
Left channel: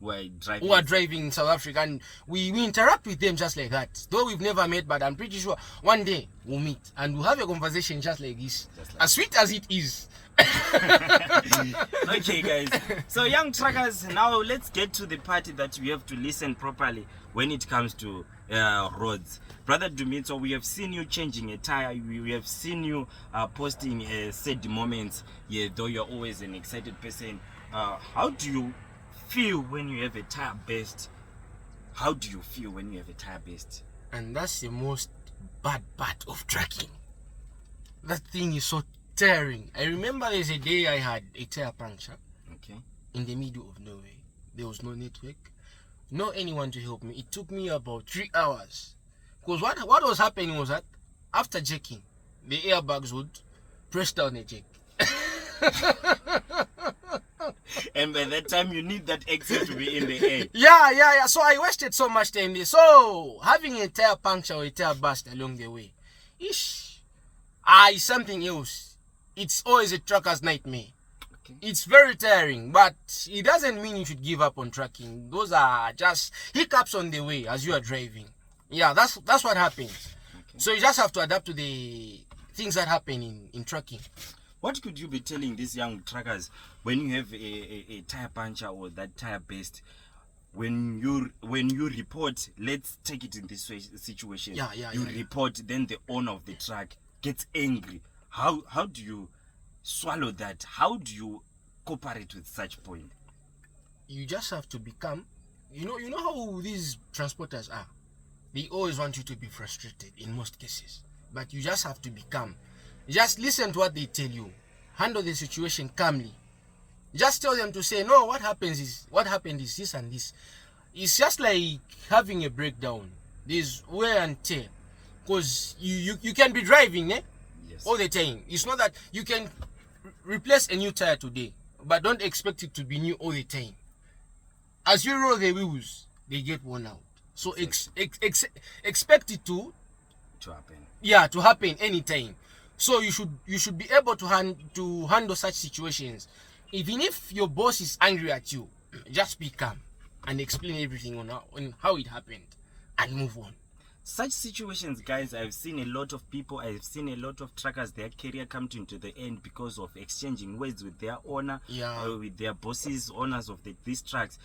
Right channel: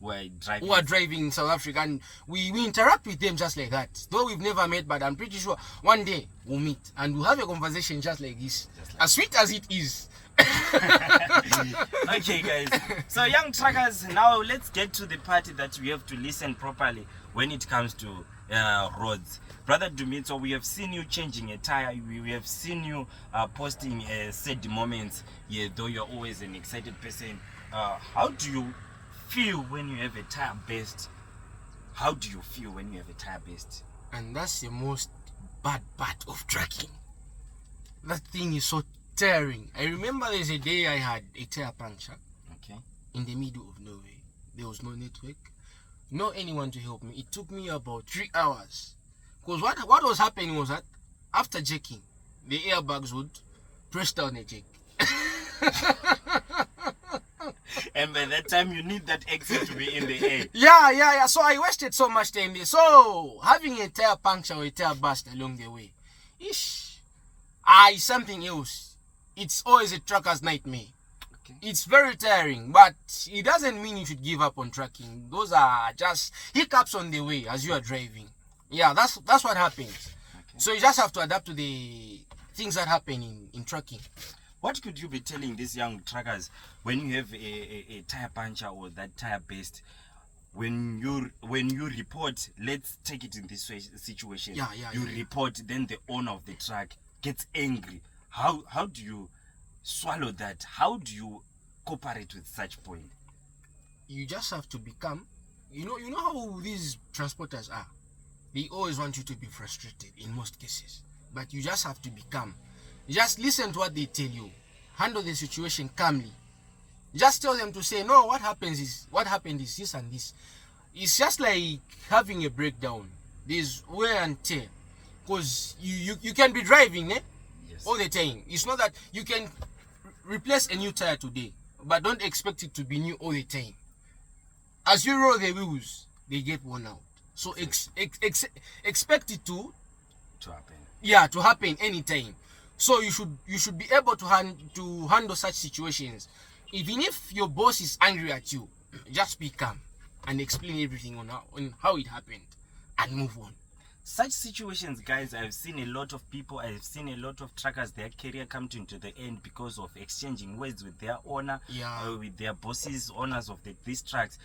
who are driving, in South Africa, and we interact with them just like that. Though we've never met, but I'm pretty sure one day we'll meet and we'll have a conversation just like this, as sweet as it is. Okay, guys. So, young truckers, now let's get to the part that we have to listen properly when it comes to roads. Brother Dumitso, we have seen you changing a tire. We have seen you posting sad moments. Yeah, though you're always an excited person. How do you feel when you have a tire burst? How do you feel when you have a tire burst? And that's the most bad part of trucking. That thing is so tearing. I remember there's a day I had a tire puncture. Okay. In the middle of nowhere. There was no network, no anyone to help me. It took me about 3 hours. Because what was happening was that after jacking, the airbags would press down the jack. And by that time, you need that exit to be in the air. Yeah. So I wasted so much time there. So having a tire puncture or a tire burst along the way, is something else. It's always a trucker's nightmare. Okay. It's very tiring, but it doesn't mean you should give up on trucking. Those are just hiccups on the way as you are driving. Yeah, that's what happens. Okay. So you just have to adapt to the things that happen in trucking. What could you be telling these young truckers when you have a tire puncture or that tire burst? When you report, let's take it in this situation. You report, then the owner of the truck gets angry. How do you swallow that? How do you cooperate with such point? You just have to become, you know how these transporters are. They always want you to be frustrated in most cases, but you just have to become. Just listen to what they tell you. Handle the situation calmly. Just tell them to say, no, what happened is this and this. It's just like having a breakdown. There's wear and tear. Because you can be driving, Yes. All the time. It's not that you can replace a new tire today, but don't expect it to be new all the time. As you roll the wheels, they get worn out. So expect it to happen. Yeah, to happen anytime. So you should be able to handle such situations. Even if your boss is angry at you, just be calm and explain everything on how it happened and move on. Such situations, guys, I've seen a lot of people, I've seen a lot of truckers, their career come to the end because of exchanging words with their owner, with their bosses, owners of these trucks.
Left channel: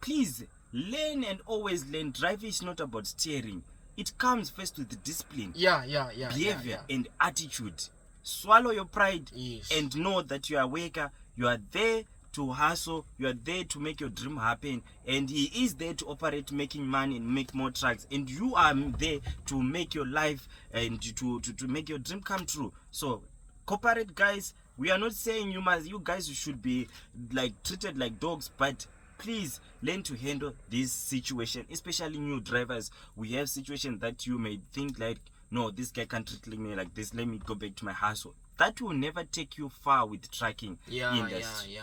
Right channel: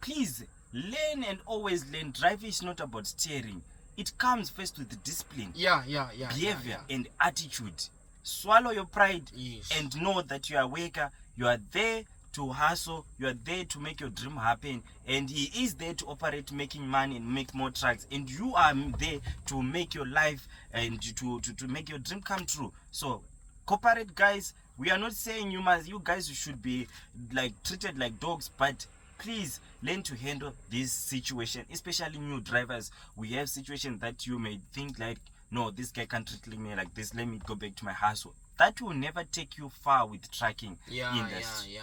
Please learn and always learn. Driving is not about steering. It comes first with the discipline, behavior, and attitude. Swallow your pride and know that you are a worker. You are there to hustle. You are there to make your dream happen. And he is there to operate, making money and make more trucks. And you are there to make your life and to make your dream come true. So cooperate, guys. We are not saying you guys should be like treated like dogs, but please learn to handle this situation, especially new drivers. We have situations that you may think like, no, this guy can't treat me like this, let me go back to my hustle. That will never take you far with trucking industry.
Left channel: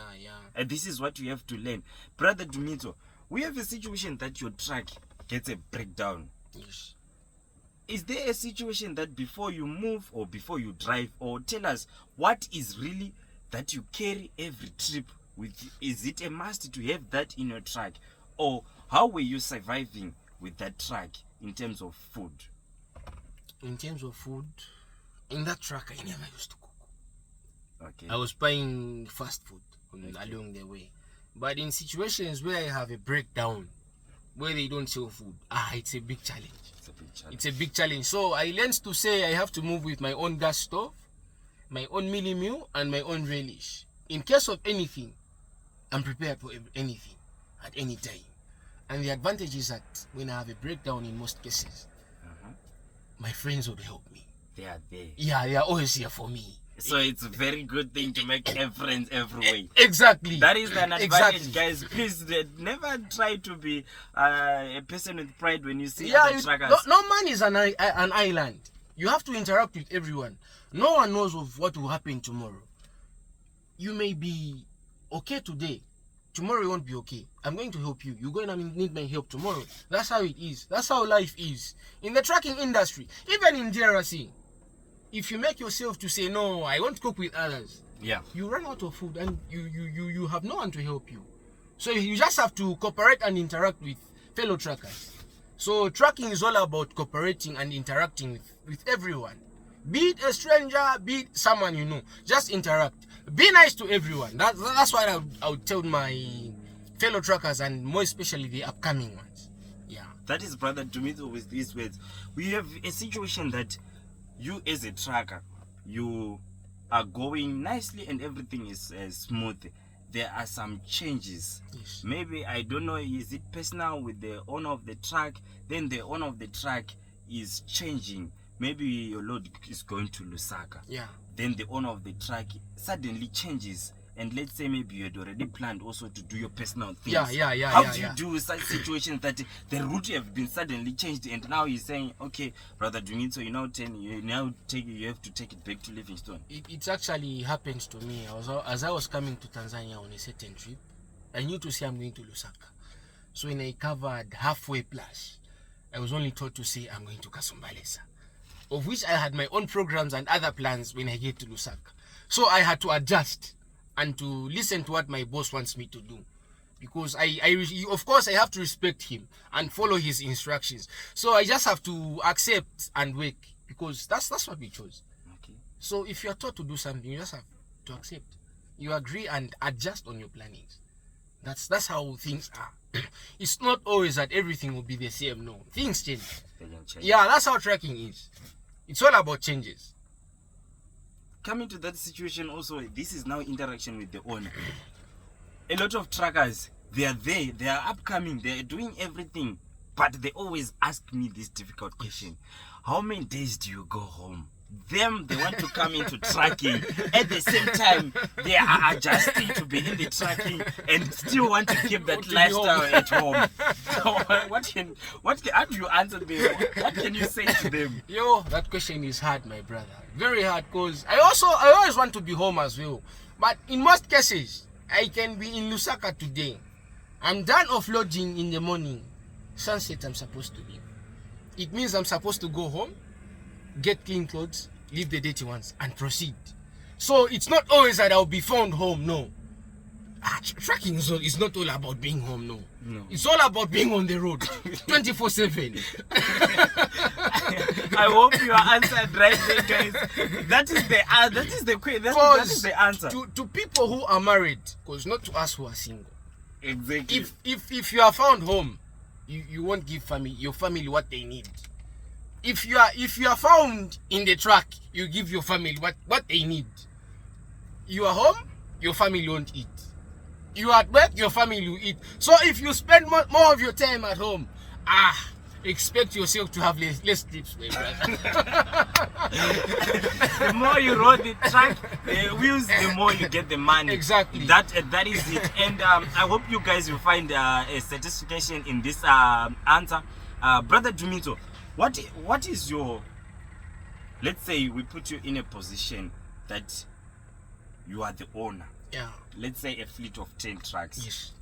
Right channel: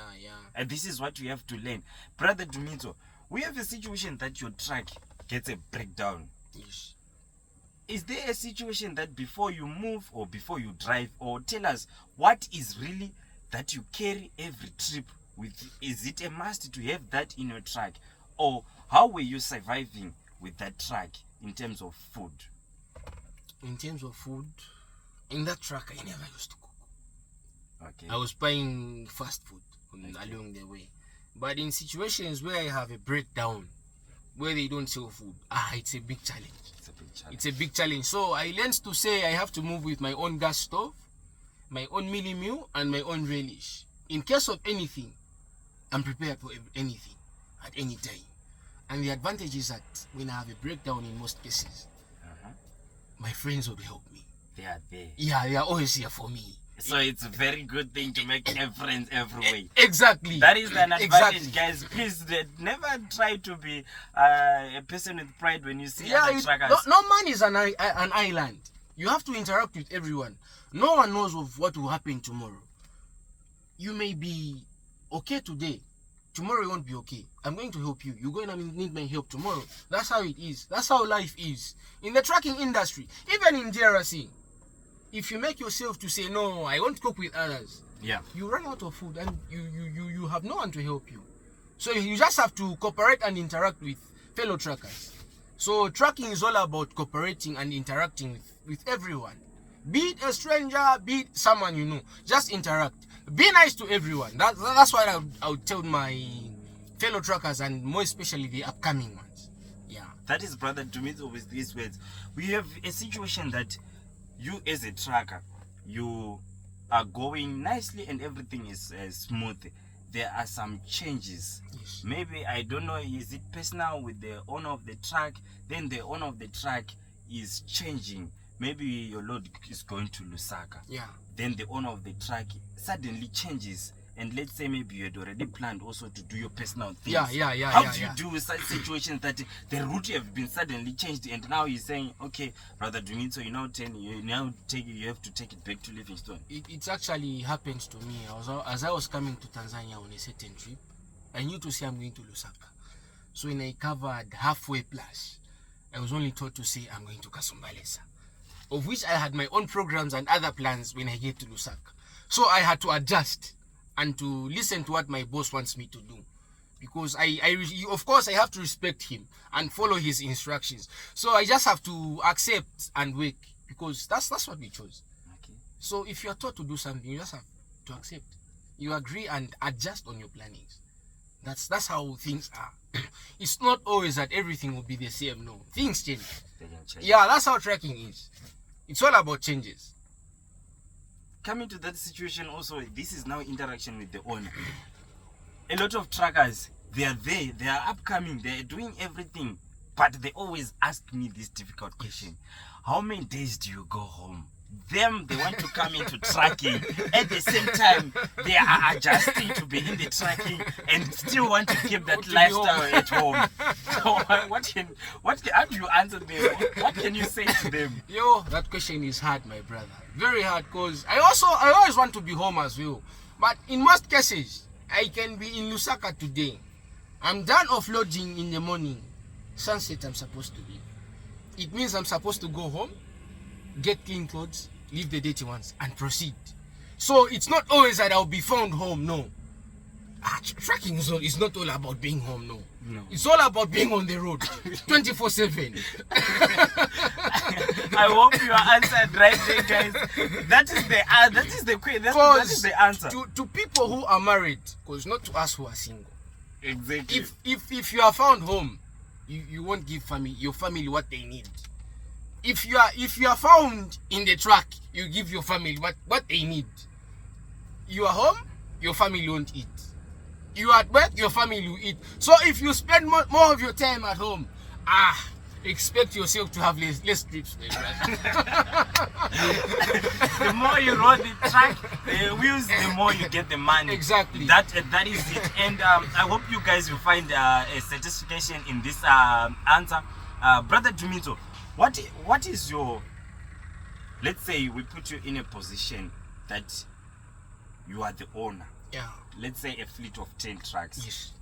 And this is what you have to learn. Brother Dumitso, we have a situation that your truck gets a breakdown. Yes. Is there a situation that before you move or before you drive, or tell us what is really that you carry every trip with? Is it a must to have that in your truck, or how were you surviving with that truck in terms of food? In terms of food, in that truck I never used to cook. Okay. I was buying fast food along the way. But in situations where I have a breakdown, where they don't sell food, it's a big challenge. It's a big challenge. So I learned to say I have to move with my own gas stove, my own mini meal, and my own relish. In case of anything, I'm prepared for anything at any time. And the advantage is that when I have a breakdown in most cases, my friends will help me. They are there. Yeah, they are always here for me. So it's a very good thing to make friends every way. Exactly. That is an advantage, guys. Please never try to be a person with pride when you see other truckers. No man is an island. You have to interact with everyone. No one knows of what will happen tomorrow. You may be okay today. Tomorrow you won't be okay. I'm going to help you. You're going to need my help tomorrow. That's how it is. That's how life is. In the trucking industry, even in Yrrr, if you make yourself to say, no, I won't cook with others, you run out of food and you have no one to help you. So you just have to cooperate and interact with fellow truckers. So trucking is all about cooperating and interacting with everyone. Be it a stranger, be it someone you know. Just interact. Be nice to everyone. That's what I would tell my fellow truckers, and more especially the upcoming ones. Yeah. That is Brother Dumitso with these words. We have a situation that you as a trucker, you are going nicely and everything is smooth. There are some changes. Yes. Maybe, I don't know, is it personal with the owner of the truck? Then the owner of the truck is changing. Maybe your load is going to Lusaka. Yeah. Then the owner of the truck suddenly changes. And let's say maybe you had already planned also to do your personal things. How do you do such situations that the route have been suddenly changed and now you're saying, okay, Brother Dumitso, you have to take it back to Livingstone? It actually happens to me. As I was coming to Tanzania on a certain trip, I knew to say I'm going to Lusaka. So when I covered halfway plus, I was only told to say I'm going to Kasumbalesa, of which I had my own programs and other plans when I get to Lusaka. So I had to adjust and to listen to what my boss wants me to do, because of course I have to respect him and follow his instructions. So I just have to accept and work, because that's what we chose. Okay. So if you are taught to do something, you just have to accept. You agree and adjust on your plannings. That's how things are. It's not always that everything will be the same. No, things change. Yeah, that's how tracking is. It's all about changes. Coming to that situation also, this is now interaction with the owner. A lot of truckers, they are there, they are upcoming, they are doing everything, but they always ask me this difficult question: how many days do you go home? They want to come into trucking. At the same time, they are adjusting to be in the trucking and still want to keep that lifestyle at home. So how do you answer them? What can you say to them? Yo, that question is hard, my brother. Very hard, because I always want to be home as well. But in most cases, I can be in Lusaka today. I'm done offloading in the morning. Sunset, I'm supposed to leave. It means I'm supposed to go home, get clean clothes, leave the dirty ones, and proceed. So it's not always that I'll be found home, no. Trucking is not all about being home, no. It's all about being on the road 24/7. I hope you are answered right there, guys. That is the answer. To people who are married, because not to us who are single. Exactly. If you are found home, you won't give your family what they need. If you are found in the truck, you give your family what they need. You are home, your family won't eat. You are at work, your family will eat. So if you spend more of your time at home, expect yourself to have less tips, my brother. The more you roll the truck, the wheels, the more you get the money. Exactly. That is it. And I hope you guys will find a satisfaction in this answer. Brother Dumitso, what is your, let's say we put you in a position that you are the owner. Yeah. Let's say a fleet of 10 trucks. Yes.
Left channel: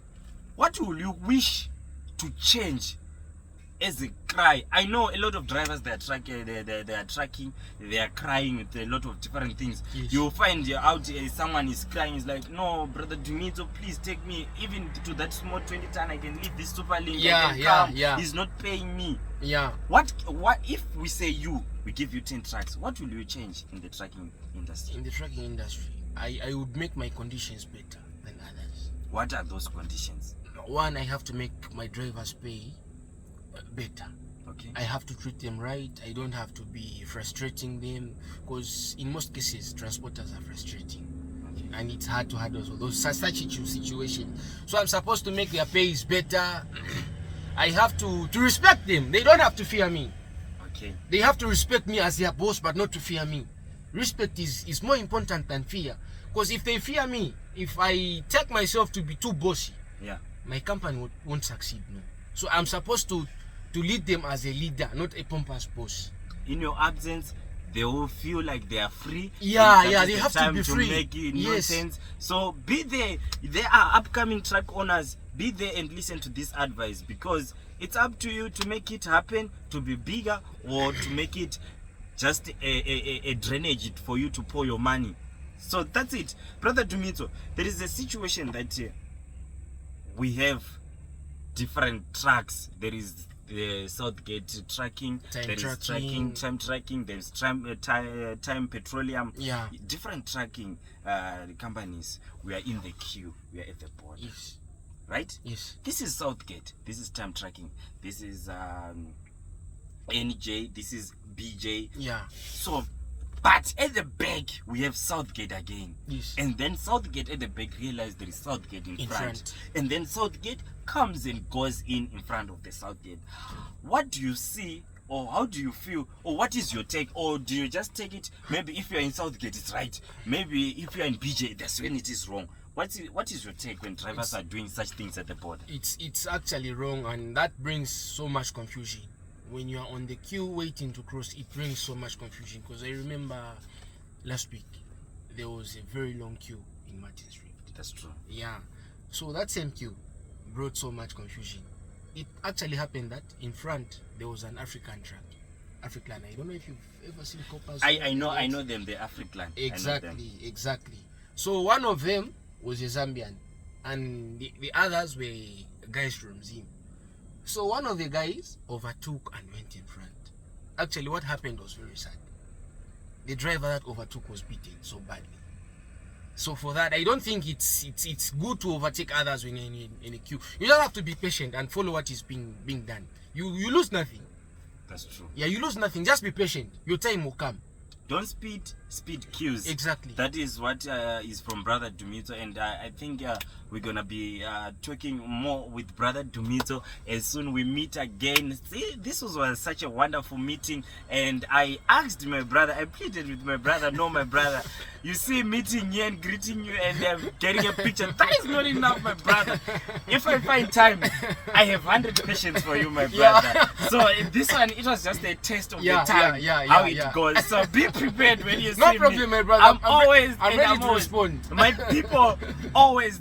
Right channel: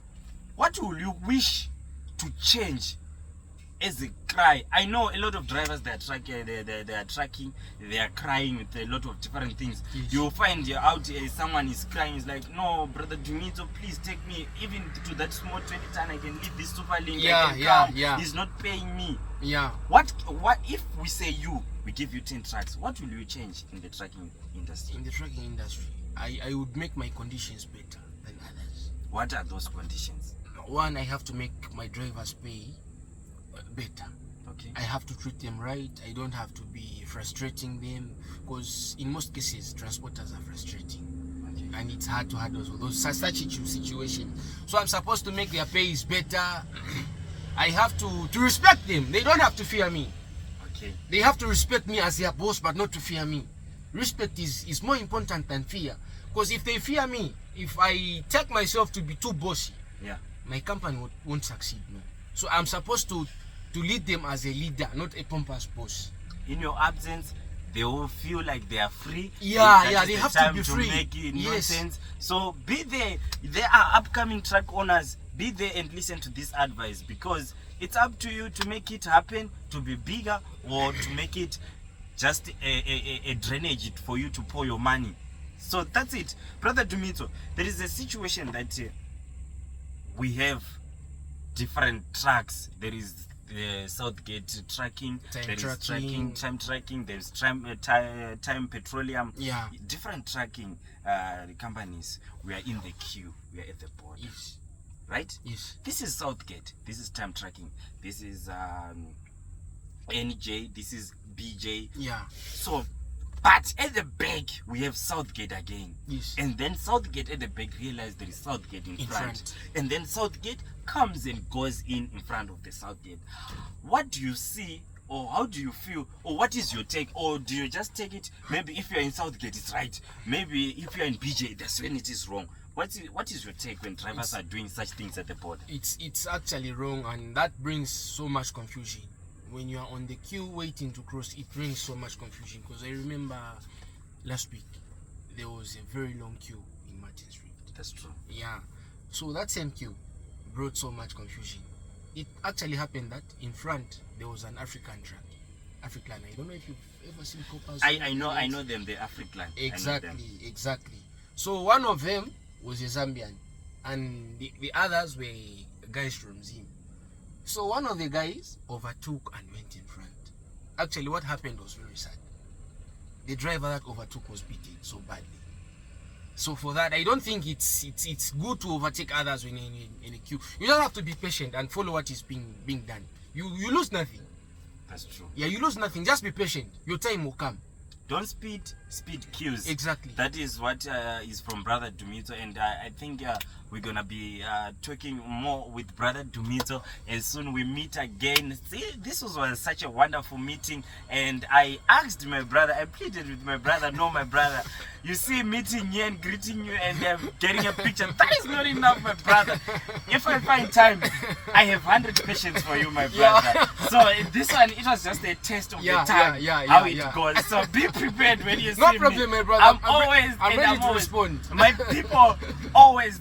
What will you wish to change as a cry? I know a lot of drivers, they are tracking, they are crying with a lot of different things. Yes. You'll find out someone is crying, is like, no, Brother Dumitso, please take me even to that small 20 ton. I can leave this super link. Yeah. He's not paying me. Yeah. What if we say we give you 10 trucks? What will you change in the trucking industry? In the trucking industry, I would make my conditions better than others. What are those conditions? One, I have to make my drivers pay better. Okay. I have to treat them right. I don't have to be frustrating them, because in most cases transporters are frustrating. Okay. And it's hard to handle such situations. So I'm supposed to make their pays better. I have to respect them. They don't have to fear me. Okay. They have to respect me as their boss, but not to fear me. Respect is more important than fear. Because if they fear me, if I take myself to be too bossy, my company won't succeed. No. So I'm supposed to lead them as a leader, not a pompous boss. In your absence, they will feel like they are free. They have to be free. Make nonsense. So be there. There are upcoming truck owners. Be there and listen to this advice, because it's up to you to make it happen, to be bigger, or to make it just a drainage for you to pour your money. So that's it. Brother Dumitso, there is a situation that we have different tracks. There is the Southgate tracking, time tracking, there's time petroleum, different tracking companies. We are in the queue, we are at the border. Yes. Right? Yes. This is Southgate, this is time tracking, this is NJ, this is BJ. Yeah. So, but at the back we have Southgate again. Yes. And then Southgate at the back realize there is Southgate in front. And then Southgate comes and goes in front of the Southgate. What do you see, or how do you feel, or what is your take, or do you just take it, maybe if you're in Southgate it's right, maybe if you're in BJ that's when it is wrong? What is your take when drivers are doing such things at the border? It's actually wrong, and that brings so much confusion. When you are on the queue waiting to cross, it brings so much confusion. Because I remember last week there was a very long queue in Martin Street. That's true. Yeah. So that same queue brought so much confusion. It actually happened that in front there was an African truck. African. I don't know if you've ever seen coppers. I know them, the African. Exactly. So one of them was a Zambian, and the others were guys from Zim. So one of the guys overtook and went in front. Actually, what happened was very sad. The driver that overtook was beaten so badly. So for that, I don't think it's good to overtake others when you're in a queue. You just have to be patient and follow what is being done. You lose nothing. That's true. Yeah, you lose nothing. Just be patient. Your time will come. Don't speed queues. Exactly. That is what is from Brother Dumitso, and I think we're gonna be talking more with Brother Dumitso as soon we meet again. See, this was such a wonderful meeting, and I asked my brother, I pleaded with my brother, no, my brother, you see, meeting you and greeting you and getting a picture, that is not enough, my brother. If I find time, I have 100 questions for you, my brother. So this one, it was just a test of the time, how it goes. So be prepared when you see me. No problem, my brother. I'm ready to respond. My people always,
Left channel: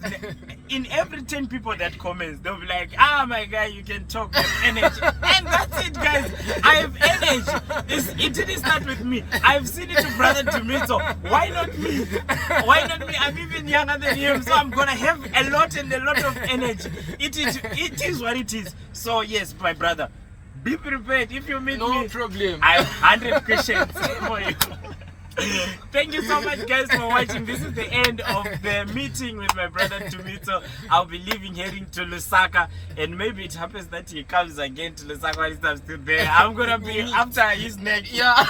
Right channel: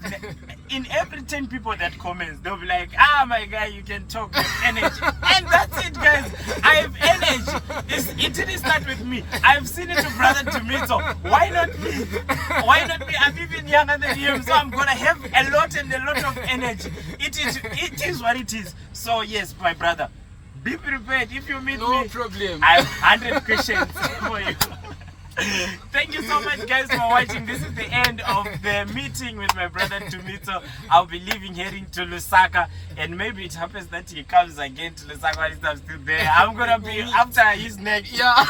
in every 10 people that comments, they'll be like, my guy, you can talk with energy. And that's it, guys. I have energy. It didn't start with me. I've seen it to Brother Dumitso. Why not me? Why not me? I'm even younger than him, so I'm gonna have a lot of energy. It is what it is. So yes, my brother, be prepared. If you meet me, no problem. I have 100 questions for you. Thank you so much, guys, for watching. This is the end of the meeting with my brother Dumitso. I'll be leaving, heading to Lusaka, and maybe it happens that he comes again to Lusaka while I'm still there. I'm gonna be after his neck. Yeah.